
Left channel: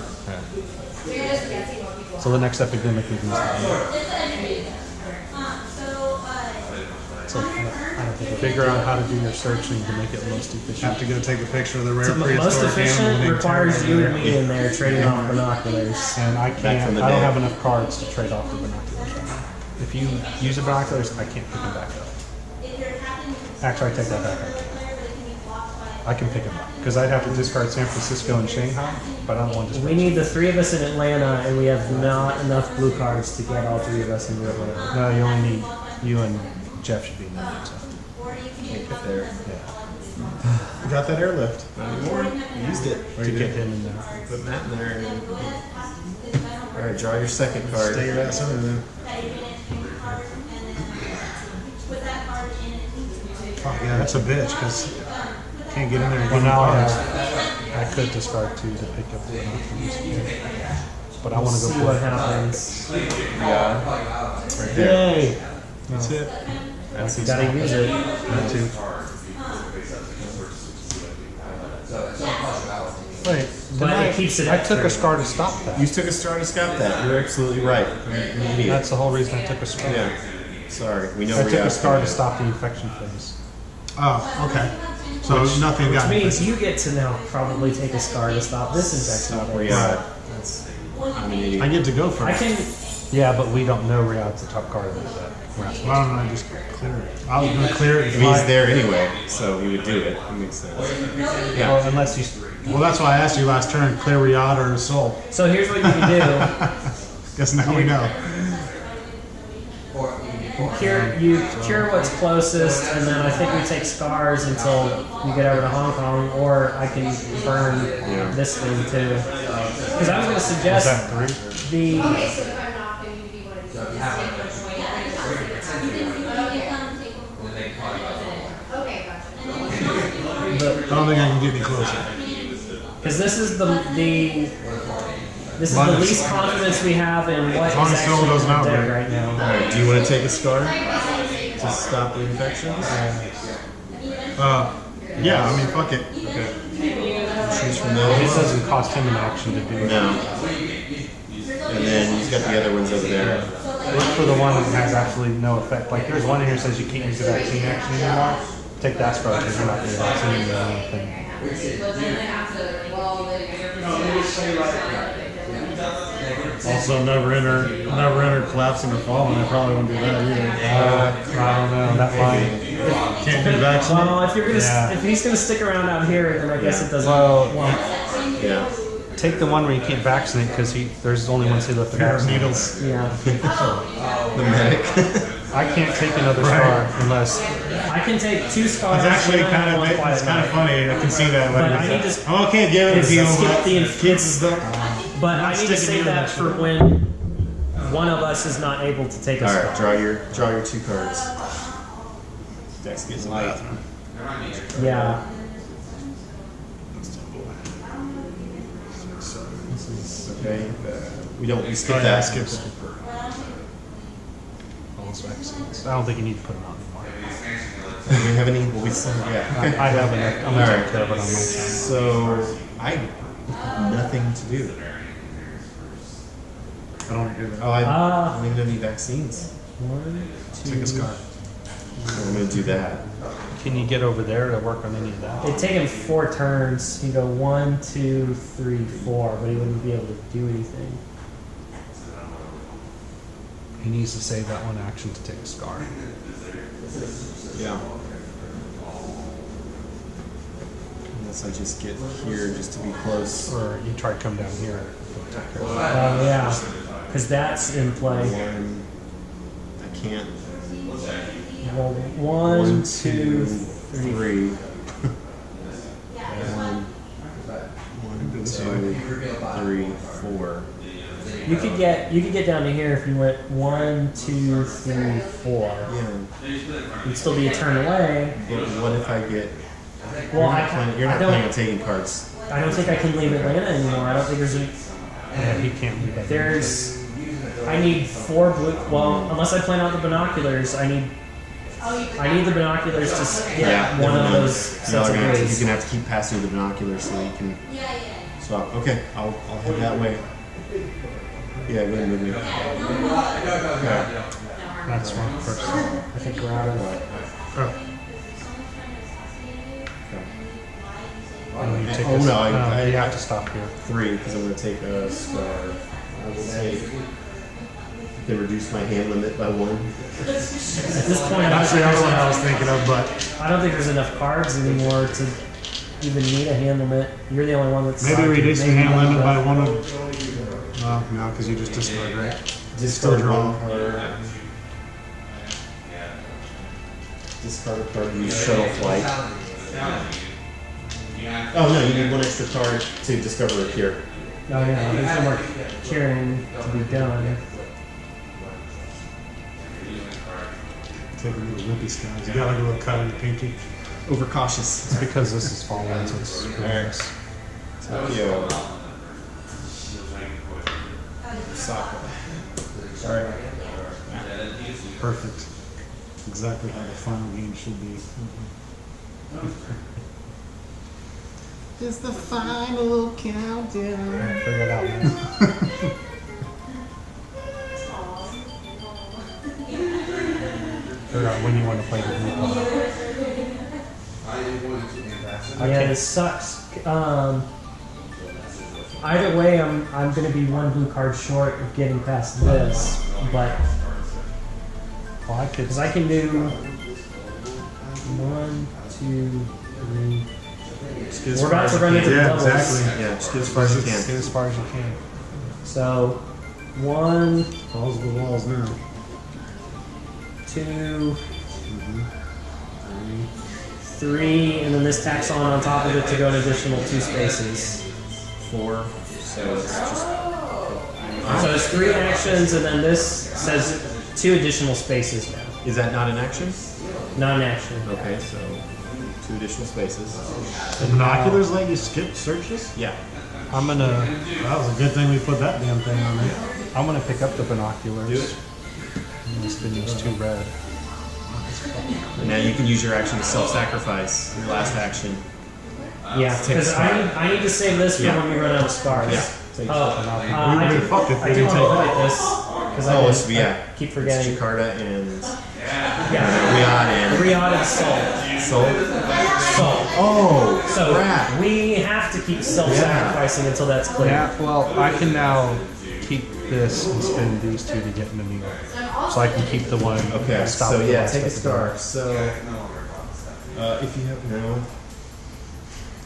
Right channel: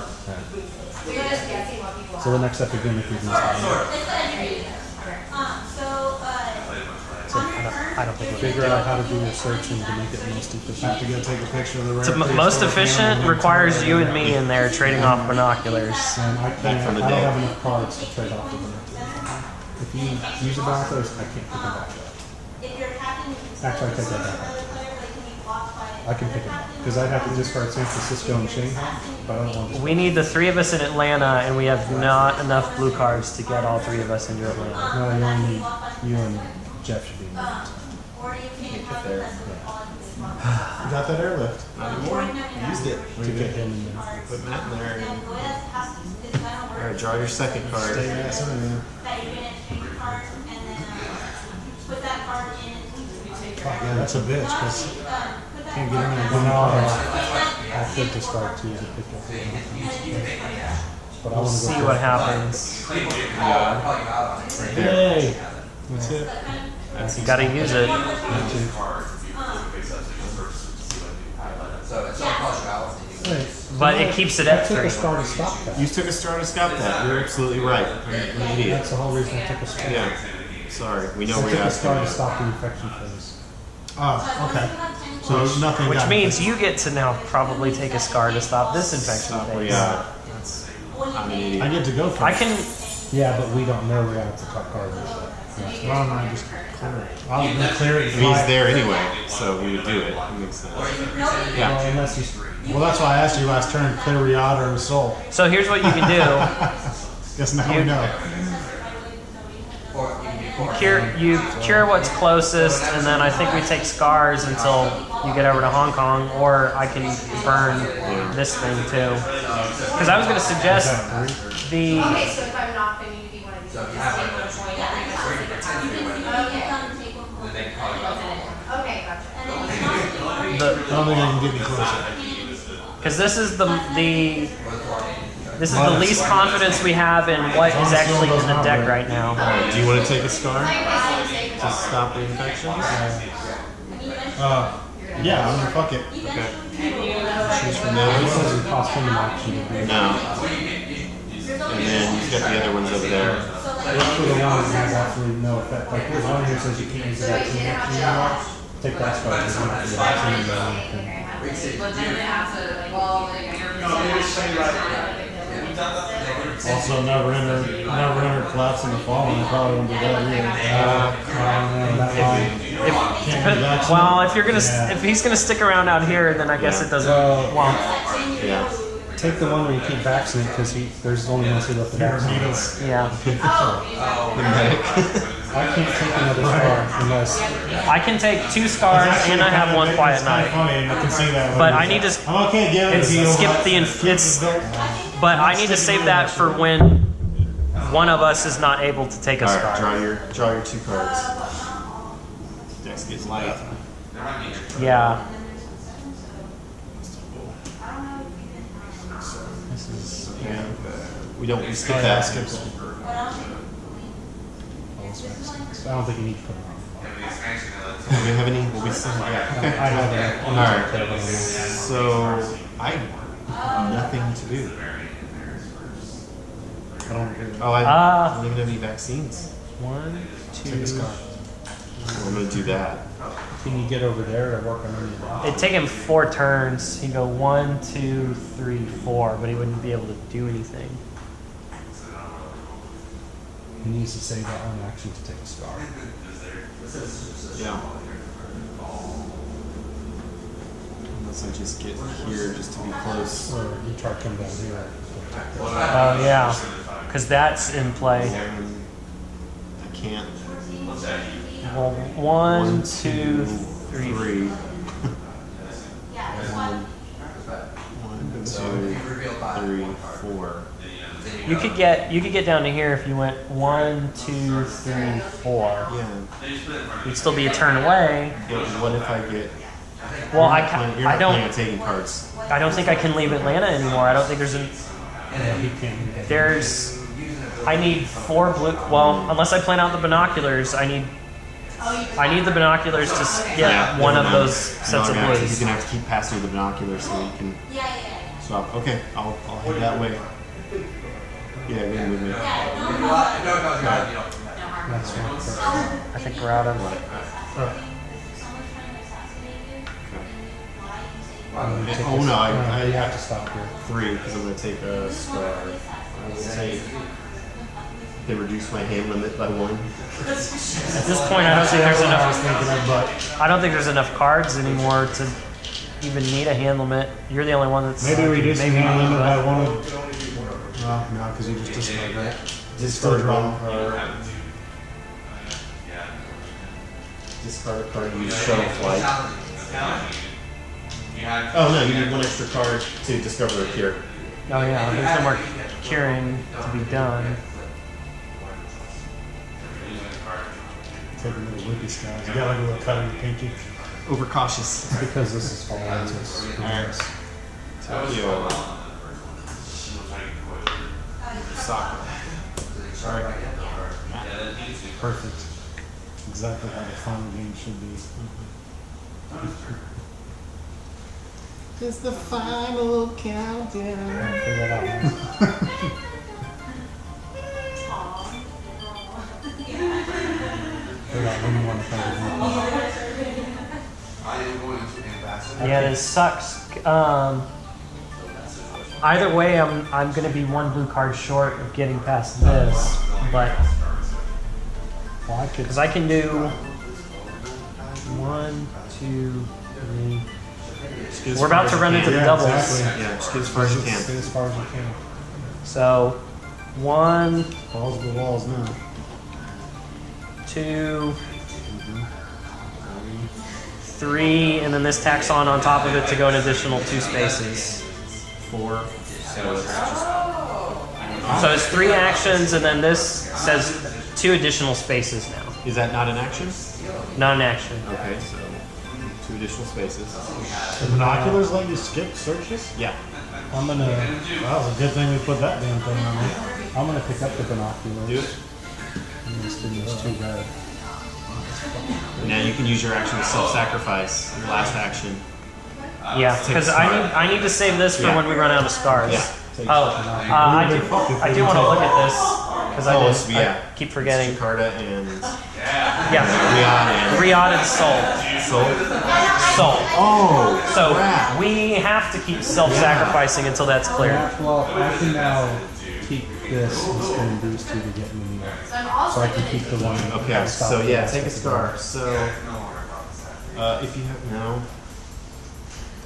Yeah. So the next epidemic we can stop. So I don't think figure out how to do your searching to make it most You efficient. have to go take a picture of the rare. The most prehistoric efficient animal and requires turn it you in. and me in there trading off binoculars. And I Back can't. from the I don't day. have enough cards to trade off the binoculars. If you use the binoculars, I can't pick them back up. Actually, I take that back. I can pick them up because I'd have to discard San Francisco and Shanghai, but I don't want to. We need the 3 of us in Atlanta, and we have not enough blue cards to get all 3 of us into Atlanta. No, you only need you and Jeff should be in there. Can't get there. Yeah. You got that airlift. Not anymore. We used it. To get him in there. Put Matt in there. All right, draw your second card. Stay your ass in there. Fuck yeah, that's a bitch because can't get in there and Well, get now cards. I could discard 2 to pick up the binoculars. But I We'll want to go see for what it. happens. Yeah. Right there. Yay! That's it. That's You gotta use it. Me too. Wait, But it keeps it I took a extra. star to stop that. You took a star to stop that. You're absolutely right. I'm an idiot. That's the whole reason I took a star. Yeah. Sorry. We know I where took you're a star to at. stop the infection phase. Oh, okay. So nothing Which got means infected. you get to now probably take a scar to stop this infection. Stop where thing. you're at. That's, I'm an idiot. I get to go for I it. can. Yeah, but we don't know Riyadh's the top card of that. Why don't I just clear it? I was gonna clear it. I mean, he's there anyway, so he would do it. That makes sense. Well, Yeah. unless you. Well, that's why I asked you last turn: clear Riyadh or Soul. So here's what you can do. Guess now we know. You cure what's closest, and then I think we take scars until you get over to Hong Kong, or I can burn this thing too. Because I was going to Is suggest that 3? the. Okay, so if I'm not going to be one of these, okay, gotcha. I don't think I can get any closer. Because this is the this is the Minus. least confidence we have in what is long as Soul actually in doesn't the out deck there. right now. All right. Do you want to take a scar to stop the infections? Yeah, I mean, fuck it. Okay. Choose from This those. doesn't cost him an action to do. No. And then he's got the other ones over there. Look for the one that has absolutely no effect. Like there's one here that says you can't use the vaccine action anymore. Take that star because we're not going to vaccine anything. Also, never enter collapse in the fall, and they probably won't do that either. I don't know. That line. Can't be vaccinated. Well, if you're gonna Yeah. if he's gonna stick around out here, then I guess Yeah. it doesn't. Well, Yeah. take the one where you can't vaccinate because there's only one seat left to Pair of vaccinate. needles. Yeah, The medic. I can't take another star unless. I can take 2 scars It's actually and I have 1 quiet it's kind of night. funny. I can see that. But later. I need to- I'm okay giving it to you. skip but the kids is the. But I need to sticking save in that that for shit. when one of us is not able to take a All scar. right. Draw your 2 cards. Deck's getting light. Yeah. Okay. We skip Oh, yeah, that. skip it. Oh, it's vaccines. I don't think you need to put them on anymore. Do we have any? Well, we still yeah. Okay. I have enough. I'm All not right. going to care about them. So I have nothing to do. I don't hear that. Oh, I don't even have any vaccines. 1, 2. Take a scar. I'm gonna do that. Can you get over there to work on any of that? It'd take him 4 turns. He'd go 1, 2, 3, 4, but he wouldn't be able to do anything. He needs to save that one action to take a scar. Yeah. Unless I just get here just to be close. Or you try to come down here. Yeah, because that's in play. I can't. Well, 1, 2, 3. 1, 2, 3, 4. You could get down to here if you went 1, 2, 3, 4. Yeah. You'd still be a turn away. But what if I get? Well, You're not planning on taking cards. I don't think I can leave Atlanta anymore. I don't think there's an. Yeah, he can't do that. There's. I need 4 blue. Well, unless I plan out the binoculars, I need I need the binoculars to get Yeah, one never of mind. those sets You're of gonna blues. have to keep passing the binoculars so you can swap. Okay, I'll head that way. Yeah, go ahead and move me. Next one first. I think we're out of Oh no, I you have to stop here. 3 because I'm going to take a star. I will take. They reduce my hand limit by 1. At this point, I don't Actually, think that's there's what I enough. was thinking of, but I don't think there's enough cards anymore to even need a hand limit. You're the only one that's. maybe reduce the maybe hand limit but- by 1 of. Well, no, because you just discard, right? Discard draw. one card. Discard a card. Use shuttle flight. Oh no, you need 1 extra card to discover a cure. Oh yeah, there's no more curing to be done. Take a little whippy skies. You got like a little cut on your pinky. Overcautious. It's because this is falling, so it's Alright. Tokyo. Osaka. Alright. Perfect. Exactly how the final game should be. It's the final countdown. figure it out, man. Figure out when you want to play the blue card. Yeah, this sucks. Either way, I'm gonna be 1 blue card short of getting past this, but Well, I could. because I can do 1, 2, 3. Just get as We're far about as to you run can. into the Yeah, doubles. exactly. Yeah, just get as far as you Get can. as far as you can. So 1, Balls to the walls now. 2, 3, and then this tacks on top of it to go an additional 2 spaces. 4. So it's just. So it's 3 actions, and then this says 2 additional spaces now. Is that not an action? Non-action. Okay, so 2 additional spaces. The binoculars let you skip searches? Yeah. I'm gonna. That was a good thing we put that damn thing on there. I'm gonna pick up the binoculars. Do it. I'm gonna spin these 2 red. Now you can use your action to self-sacrifice. Your last action. Yeah, Take because a star. I need to save this for Yeah. when we run out of stars. Yeah. Oh, We I would've do, fucked if I we do didn't want to take look it. at this because Oh, I, it's, yeah. I keep It's forgetting. Jakarta and Yeah, Riyadh and Riyadh and Seoul. Seoul. Seoul. Oh, So crap. we have to keep self-sacrificing until that's clear. Yeah, well, I can now keep this and spin these 2 to get into New York. So I can keep the one. Okay, that stopped so the yeah, rest take a of the star. game. So, if you have no,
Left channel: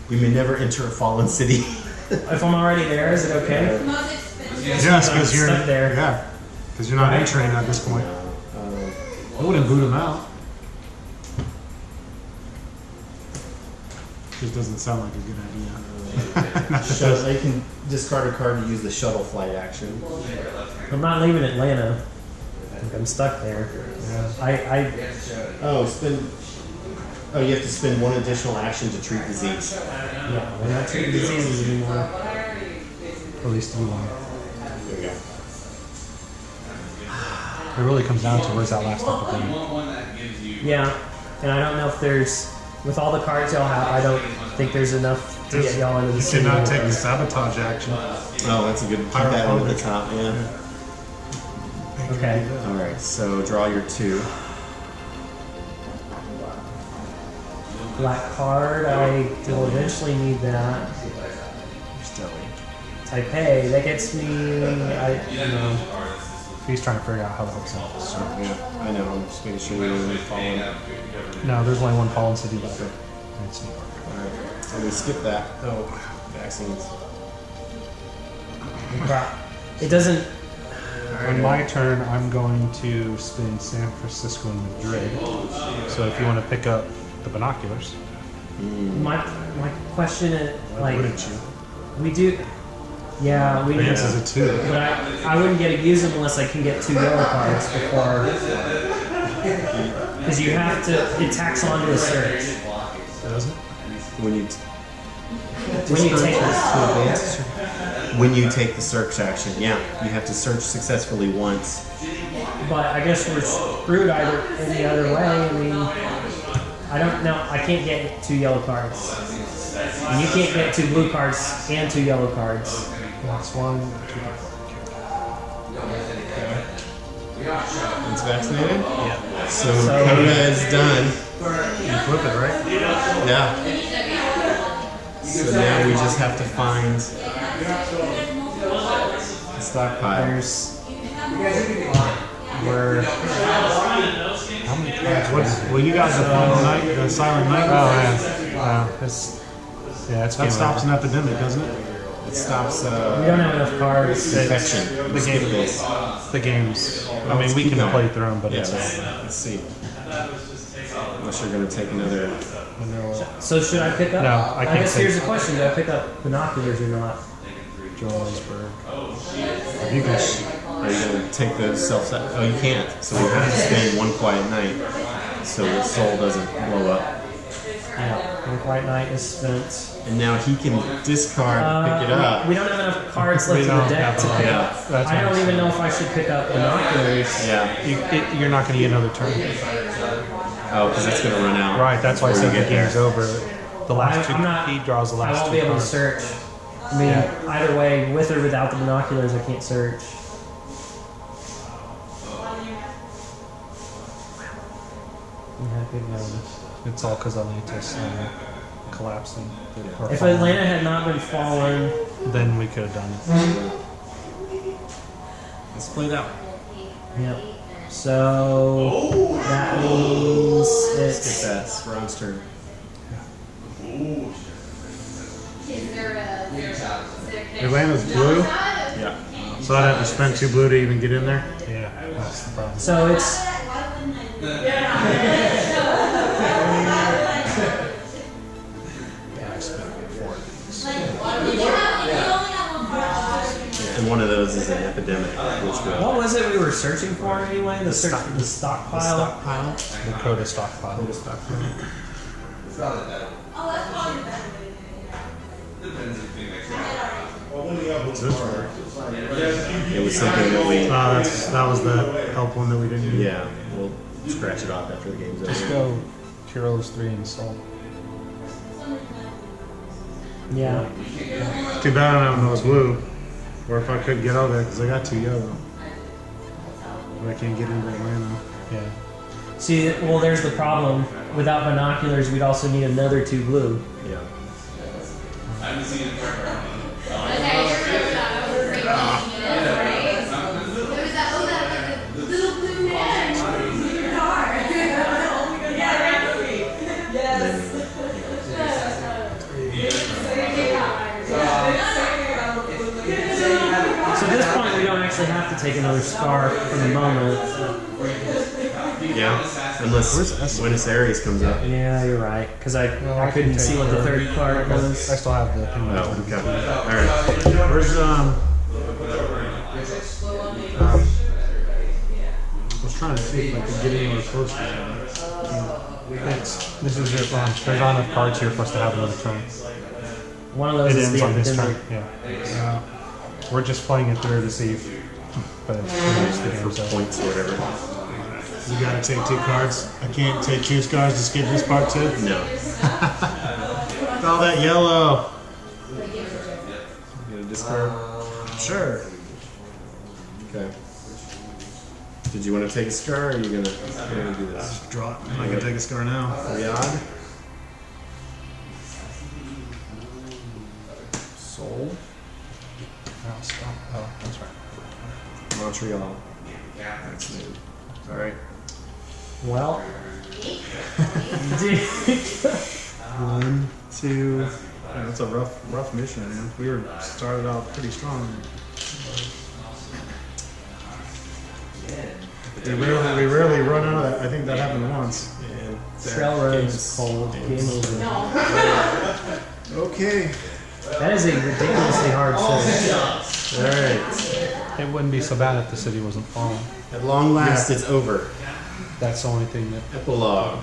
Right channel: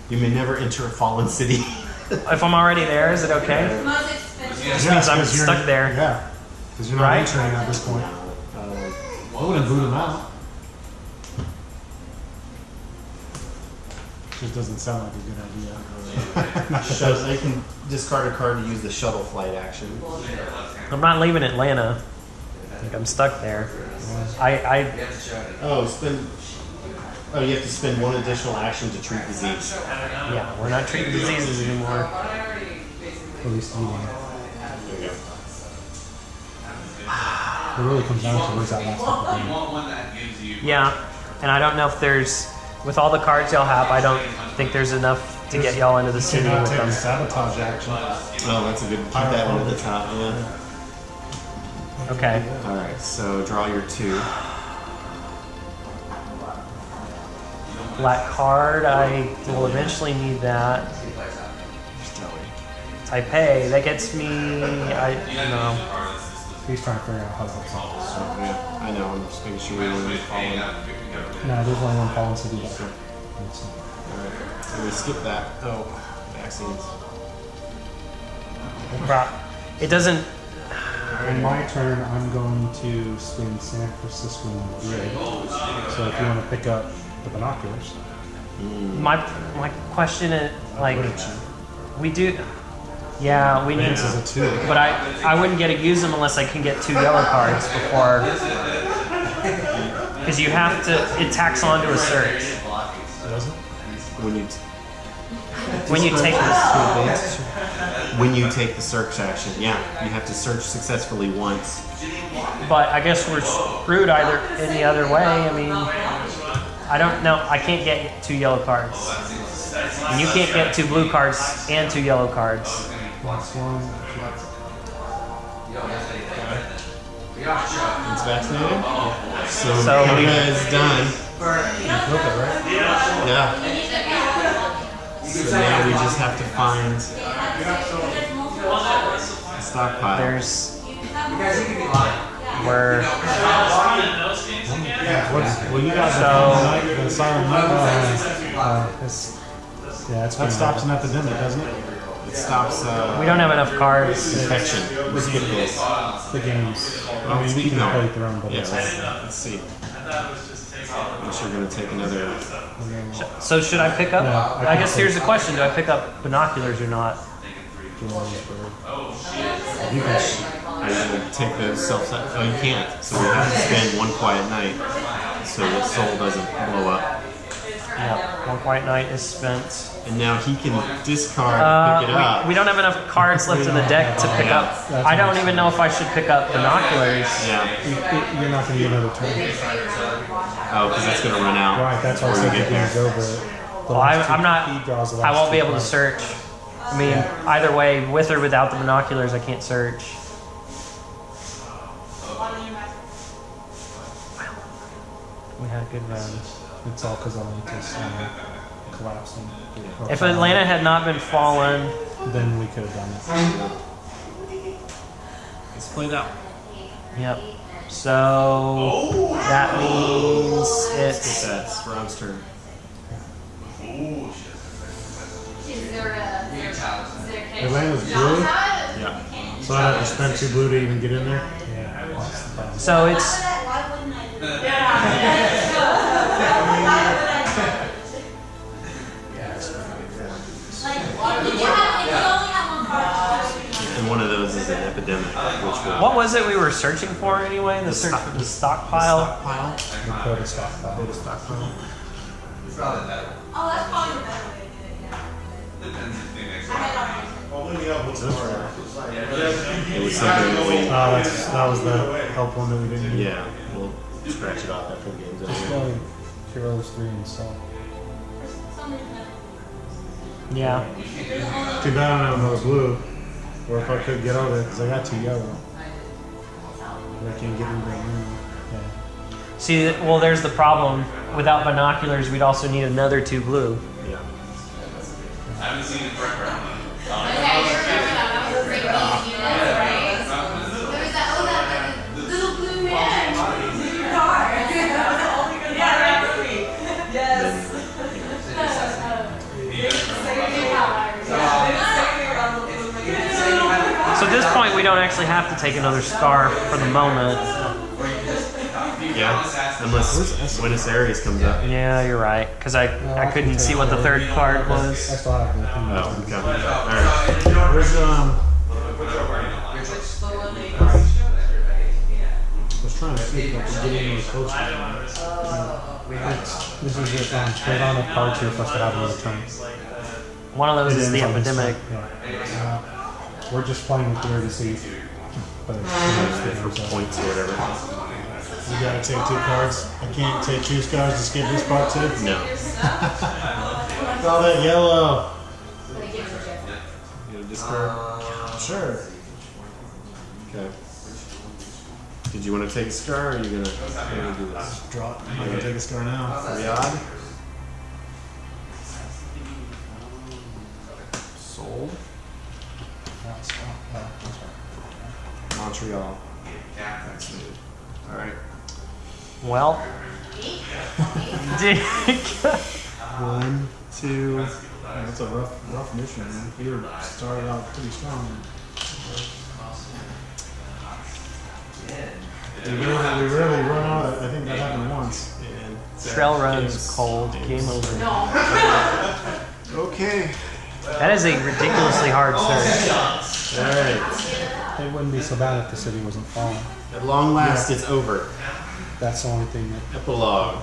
you may never enter a fallen city. If I'm already there, is it okay? Yes, I'm because you're stuck there. Yeah, because you're not Right? entering at this point. I wouldn't boot him out. Just doesn't sound like a good idea. So you can discard a card to use the shuttle flight action. I'm not leaving Atlanta. Like, I'm stuck there. I Oh, spend. Oh, you have to spend 1 additional action to treat disease. yeah, we're not treating diseases anymore. At least you one. There you go. It really comes down to where's that last couple game. Yeah, and I don't know if there's with all the cards y'all have. I don't think there's enough to get y'all into the You city. cannot with take them. the sabotage action. Oh, that's a good. Keep that one at the top. Yeah. Okay. All right. So draw your 2. Black card. I will eventually need that. Taipei. That gets me. He's trying to figure out how that helps out. So yeah, I know. I'm just making sure we don't fall in. No, there's only one fallen city left. Okay. It's- Alright, so we skip that. Oh, vaccines. It doesn't. On my turn, I'm going to spin San Francisco and Madrid. So if you want to pick up the binoculars, My question is like Wouldn't you? we do. Yeah, we need. Vance is a 2. But I wouldn't get to use them unless I can get 2 yellow cards before. Because you have to. It tacks onto a search. Doesn't? When you When you take when you take the search action, yeah, you have to search successfully once but I guess we're screwed either any other way. I mean, I don't know. I can't get 2 yellow cards, and you can't get 2 blue cards and 2 yellow cards. That's one. It's vaccinated? Yeah. So Coda is done. You flip it, right? Yeah. So now we just have to find a stockpile. There's where Well, you got the silent night. Oh, yeah. It's That stops an epidemic, doesn't it? It stops we don't have enough cards. infection. The Skip game. this. the games. I Let's mean, we keep can going. play through them, but Yeah, it's let's see. Unless you're going to take another. So should I pick up? No, I can't guess take- here's the question: do I pick up binoculars or not? Johannesburg. You can. Are you going to take the self? Oh, you can't. So we have to spend one quiet night so the soul doesn't blow up. Yeah, one quiet night is spent. And now he can discard and pick it up. We don't have enough cards left in the don't deck to have pick enough. up. That's I don't what I'm even know if I should pick up binoculars. Yeah. You're not going to get another turn. Oh, because that's going to run out. Right, that's why I before said you the get game's there. over. The last I'm not. he draws the last I won't be two able to cards. search. I mean, either way, with or without the binoculars, I can't search. We had a good run. It's all because Atlantis collapsing. Or If falling. Atlanta had not been fallen, Then we could have done it. Let's play that one. yep. So that means it's. That's Ron's turn. Atlanta's blue, Yeah. so I'd have to spend 2 blue to even get in there. Yeah, that's the problem. So it's. And one of those is an epidemic, which will. What was it we were searching for anyway? The stockpile. Stockpile. The Coda stockpile. The stockpile. It was something that we. That was the help one that we didn't get. Yeah, we'll scratch it off after the game's Just over. go Heroes 3 and Salt. Yeah. Too bad I don't have another blue. Or if I could get over there, because I got 2 yellow. But I can't get into Atlanta. Yeah. See, well, there's the problem. Without binoculars, we'd also need another 2 blue. Yeah. So at this point, we don't actually have to take another scarf for the moment. Yeah. Unless Buenos Aires comes up. Yeah, you're right. Because I I couldn't can see take what the the- third card I was. still have the thing. Oh, okay. Alright. Where's I was trying to see if I could get anywhere close to that. This is it. There's not enough cards here for us to have another turn. One of those It is the ends on this epidemic. turn. Yeah. We're just playing it through to see. But it's For points or whatever. You gotta take 2 cards. I can't take 2 cards to skip this part too. No. All that yellow. You get a discard? Sure. Okay. Did you want to take a scar or are you gonna do this? Draw it. I can take a scar now. Riyadh. Sold. Oh, that's right. Montreal. Vaccinated. Alright. Well, 1, 2. That's a rough mission, man. We were started out pretty strong. We rarely run out. I think that happened once. And trail runs game's- cold. game's- Game over. Okay. That is a ridiculously hard search. Alright. It wouldn't be so bad if the city wasn't falling. At long last, it's over. That's the only thing that. Epilogue.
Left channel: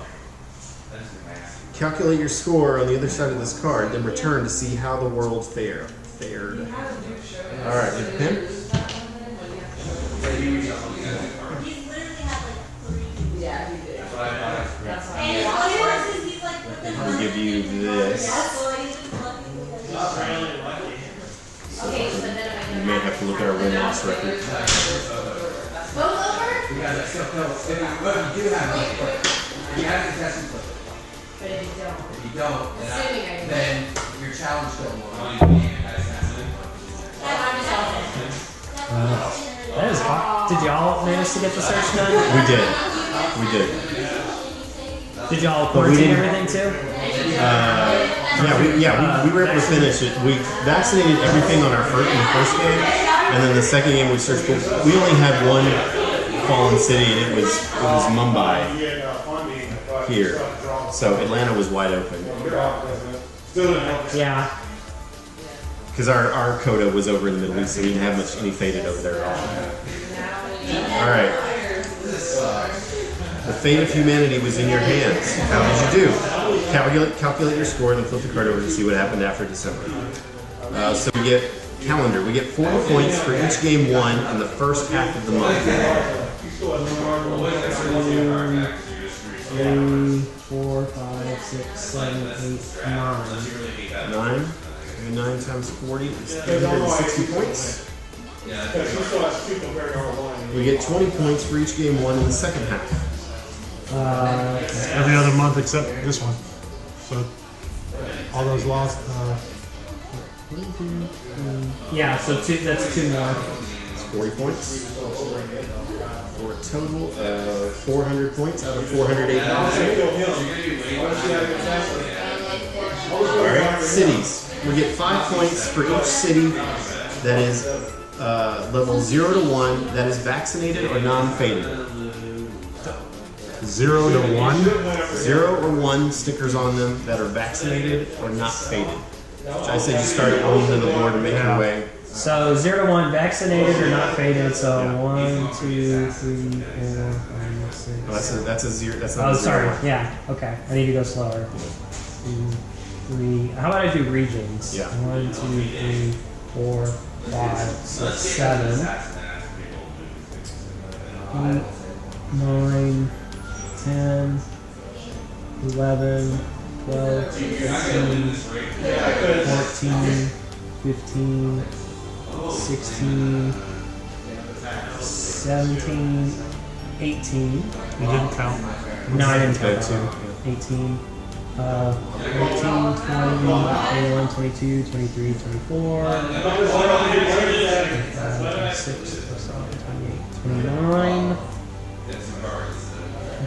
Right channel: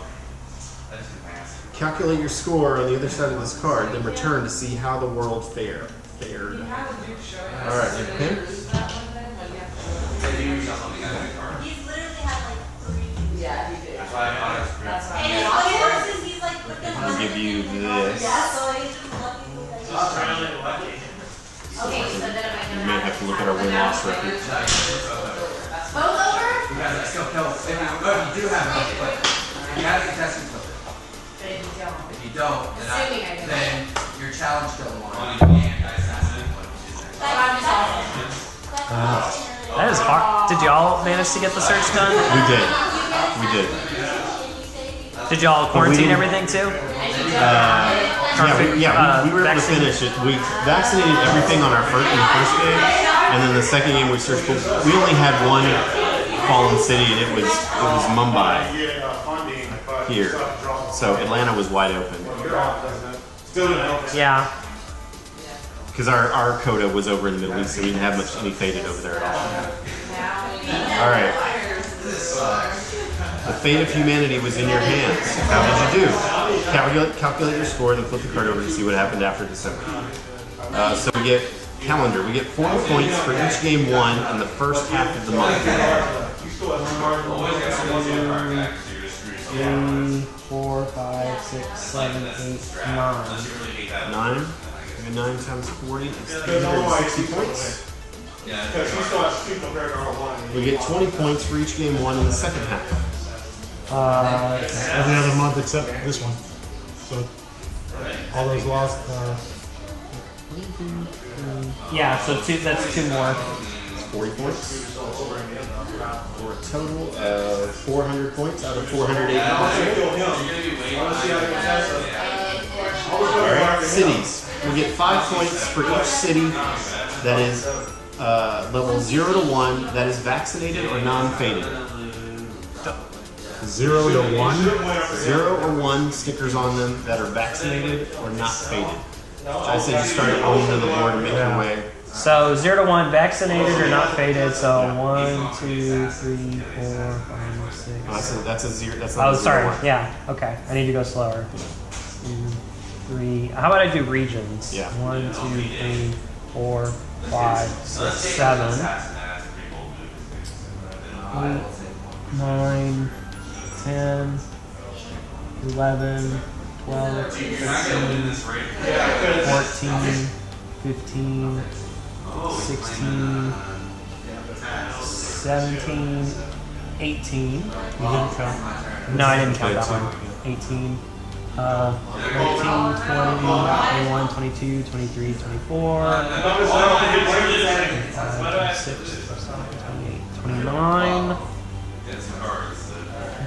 Calculate your score on the other side of this card, then return to see how the world fared. Alright, you pen? give you this. You may have to look at our win-loss record. You gotta still kill. If you do have a flip, you gotta contest and flip. But if you don't. If you don't, then your challenge still won. That is hard. Did y'all manage to get the search done? We did. We did. Did y'all we quarantine didn't- everything too? We were able to finish it. We vaccinated everything on our in the first game, and then the second game we searched. But we only had one fallen city, and it was Mumbai here. So Atlanta was wide open Yeah. because our quota was over in the Middle East, so we didn't have any faded over there at all. All right. The fate of humanity was in your hands. How did you do? Calculate your score and then flip the card over to see what happened after December. So we get calendar. We get 40 points for each game won in the first half of the month. 3, 4, 5, 6, 7, 8, 9. 9. 9 times 40 is 360 points. We get 20 points for each game won in the second half. Every other month except this one. So all those lost. Yeah, so that's 2 more. It's 40 points. For a total of 400 points out of 480 Alright, cities. We get 5 points for each city that is level 0 to 1 that is vaccinated or non-faded. 0 to 1. 0 or 1 stickers on them that are vaccinated or not faded. Which I say just start going to the board and make your way. So 0 to 1, vaccinated or not faded. So 1, 2, 3, 4, 5, 6. Oh, that's a 0. That's not Oh, a 0 sorry. 1. Yeah. Okay. I need to go slower. 2, 3. How about I do regions? Yeah. 1, 2, 3, 4, 5, 6, 7, 8, 9, 10, 11, 12, 13, 14, 15, 16, 17, 18. You didn't count. No, I didn't count that one. 18, 19, 20, 21, 22, 23, 24, 25, 26, 27, 28, 29.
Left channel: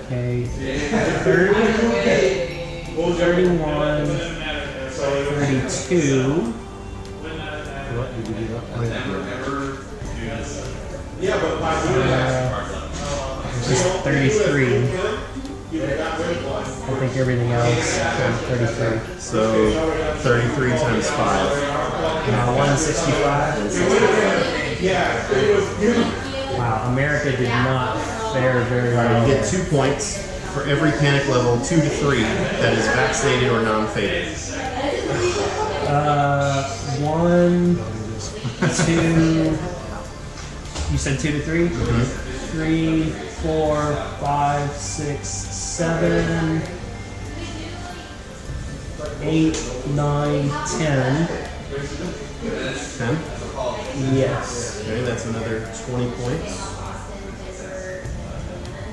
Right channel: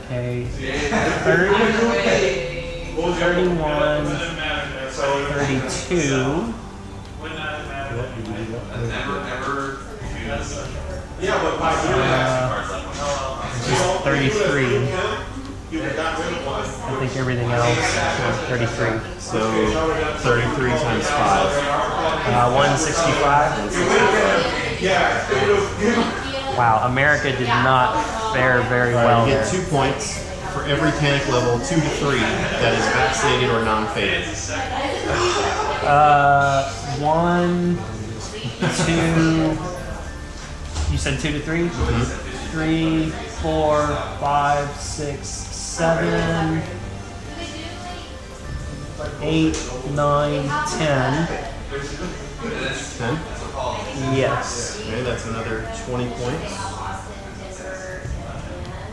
Okay, 30, 31, 32. What did you do that? Just 33. I think everything else is 33. So 33 times 5. 165. Wow, America did not fare very well. You get 2 points for every panic level 2 to 3 that is vaccinated or non-faded. 1, 2. You said 2 to 3? Mm-hmm. 3, 4, 5, 6, 7, 8, 9, 10. 10? Yes. Okay, that's another 20 points.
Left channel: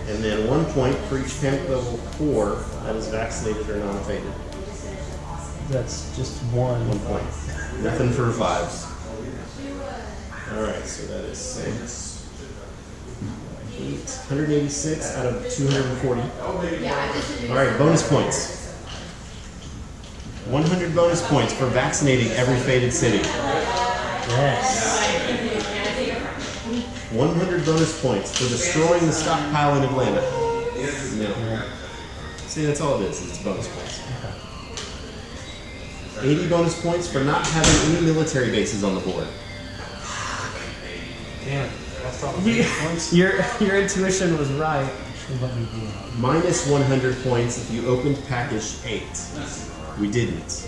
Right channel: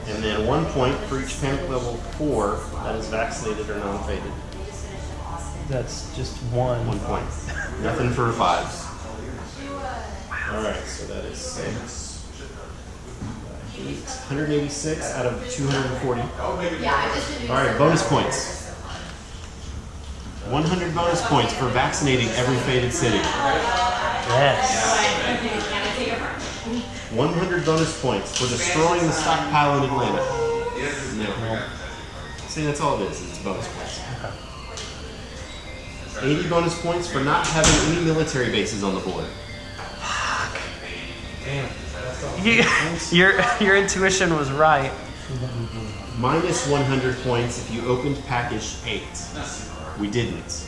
And then 1 point for each panic level 4 that is vaccinated or non-faded. That's just 1. 1 point. Nothing for 5s. Alright, so that is 6. 186 out of 240. Alright, bonus points. 100 bonus points for vaccinating every faded city. Yes. 100 bonus points for destroying the stockpile in Atlanta. No. See, that's all it is. It's bonus points. 80 bonus points for not having any military bases on the board. Damn. Your intuition was right. Minus 100 points if you opened package 8. We didn't.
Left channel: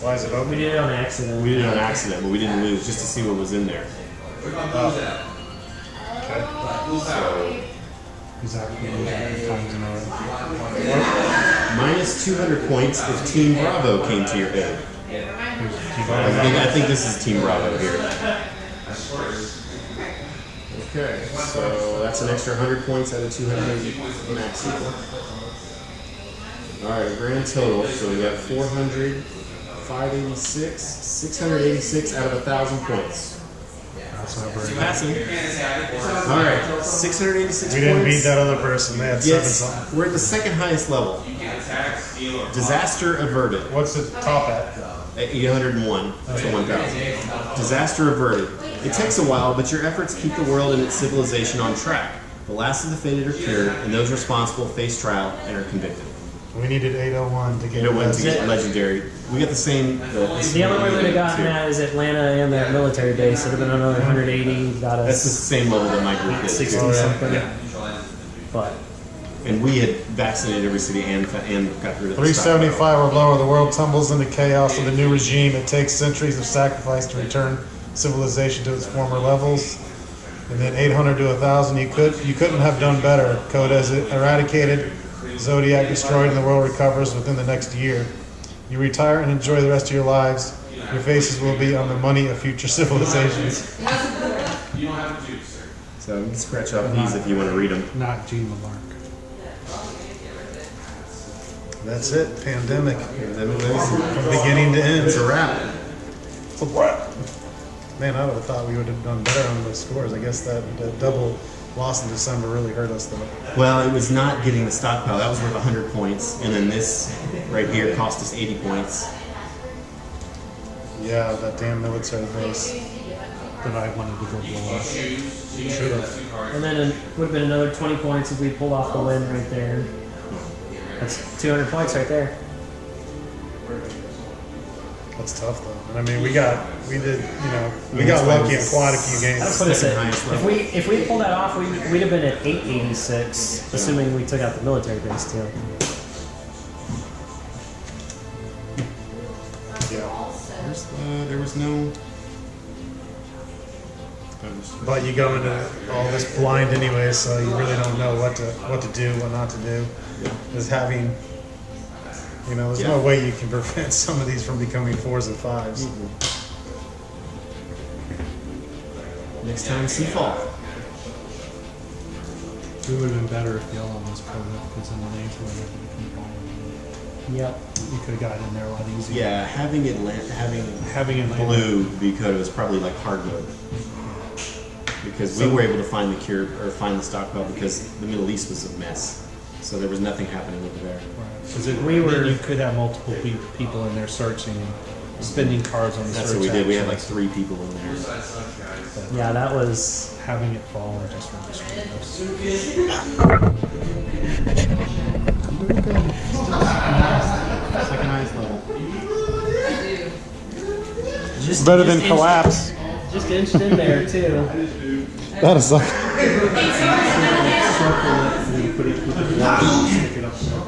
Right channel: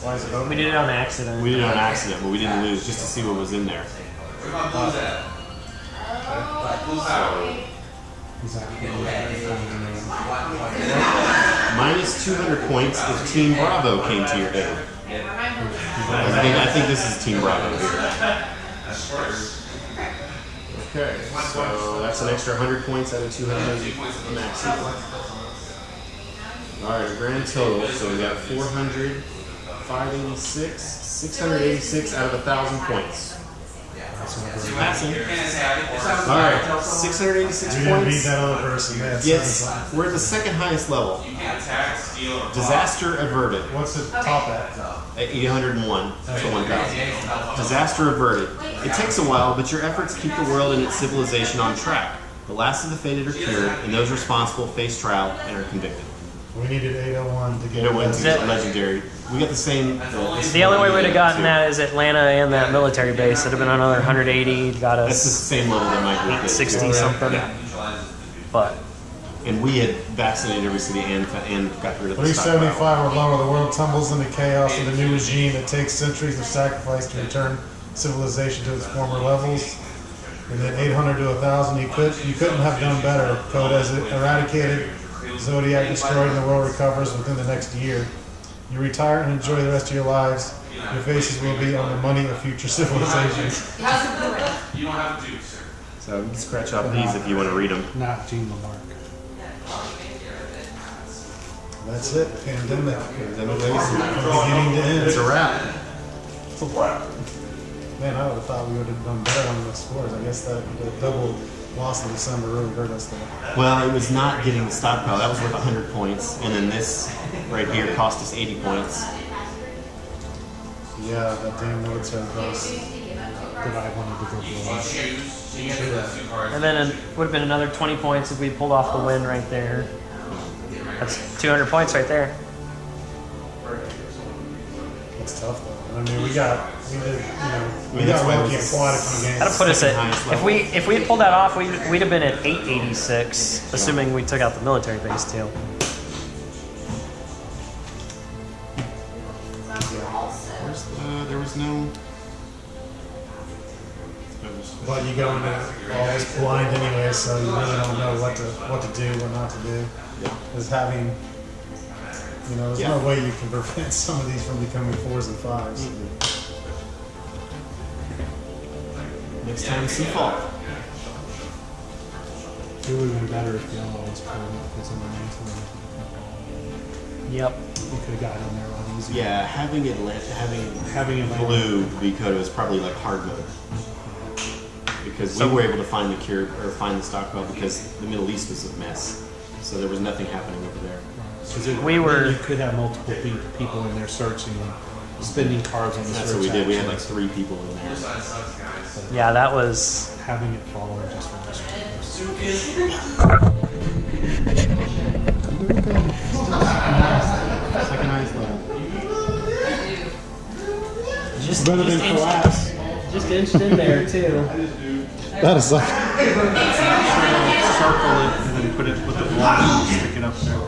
Why is it open? We did it on accident. We did it on accident, but we didn't lose just to see what was in there. So, exactly times in a row. Minus 200 points if Team Bravo came to your aid. I think this is Team Bravo here. Okay, so that's an extra 100 points out of 280 max equal. Alright, a grand total. So we got 400, 586, 686 out of 1,000 points. Passing. Alright, 686 We didn't beat points. that other person. They had Yes, 7. we're at the second highest level. Disaster averted. What's the top at? At 801 to 1,000. Disaster averted. It takes a while, but your efforts keep the world and its civilization on track. The last of the faded are cured, and those responsible face trial and are convicted. We needed 801 to get It went to that. get legendary. We got the same. The only way we'd have gotten that is Atlanta and that military base. It'd have been another 180. Got That's the us same level that my group is. 60 too. something. Yeah. But And we had vaccinated every city and got rid of the 375 or lower, the world tumbles into chaos with a new regime. It takes centuries of sacrifice to return civilization to its former levels. And then 800 to 1,000, you couldn't have done better. Code has it eradicated, Zodiac destroyed, and the world recovers within the next year. You retire and enjoy the rest of your lives. Your faces will be on the money of future civilizations. So you can scratch off these if you want to read them. Not Gene Lamarck. That's it. Pandemic. Pandemic legacy. From beginning to end. It's a wrap. It's a wrap. Man, I would have thought we would have done better on those scores. I guess that the double loss in December really hurt us, though. Well, it was not getting the stockpile. That was worth 100 points. And then this right here cost us 80 points. Yeah, that damn military base. That I wanted to go blow up. Should have. and then it would have been another 20 points if we pulled off the win right there. That's 200 points right there. That's tough, though. I mean, we got that's why lucky it and was quite a few That'll games. put us Second at highest if level. we had pulled that off, we'd have been at 886, assuming we took out the military base too. There was no. But you go into all this blind anyway, so you really don't know what to do, what not to do. Yeah. There's having, there's no way you can prevent some of these from becoming 4s and 5s. Next time, Seafall. It would have been better if yellow was in the name for it. Yep. You could have gotten in there a lot easier. Yeah, having Having it blue because it was probably like hard mode. Because we were able to find the cure or find the stockpile because the Middle East was a mess, so there was nothing happening over there. Because We you could have multiple people in there searching and spending cards on the That's search what we did. We had like actions. 3 people in there. Yeah, that was. Having it fall and just really screwed us. Second highest level. Just Better just than inched- collapse. Just inched in there too. That is like. Circle it and then put the block and stick it up there.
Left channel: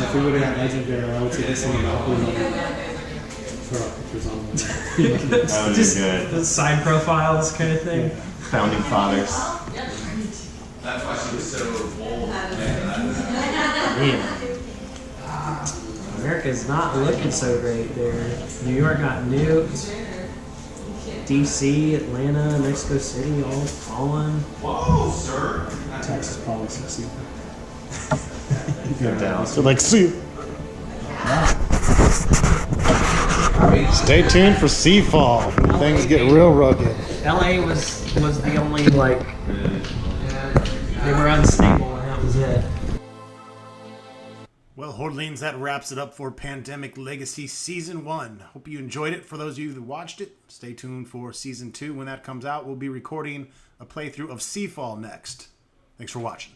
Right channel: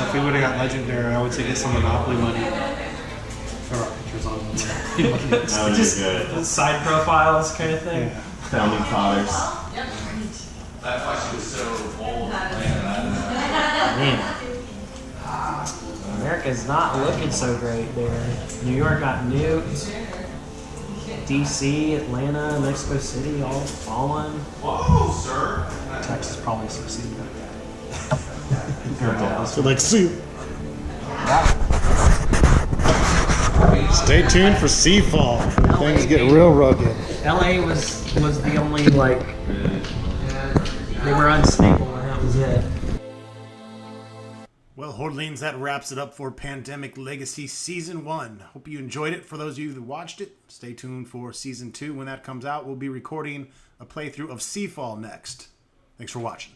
If we would have got legendary, I would say get some Monopoly money. Throw our pictures on them. That would Just be good. the side profiles kind of thing. Founding fathers. Man, America's not looking so great there. New York got nuked. DC, Atlanta, Mexico City, all fallen. Texas probably succeeded. So like, see. Stay tuned for Seafall. Things get real rugged. LA was the only they were unstable and that was it. Well, Hordlings, that wraps it up for Pandemic Legacy Season 1. Hope you enjoyed it. For those of you who watched it, stay tuned for Season 2. When that comes out, we'll be recording a playthrough of Seafall next. Thanks for watching.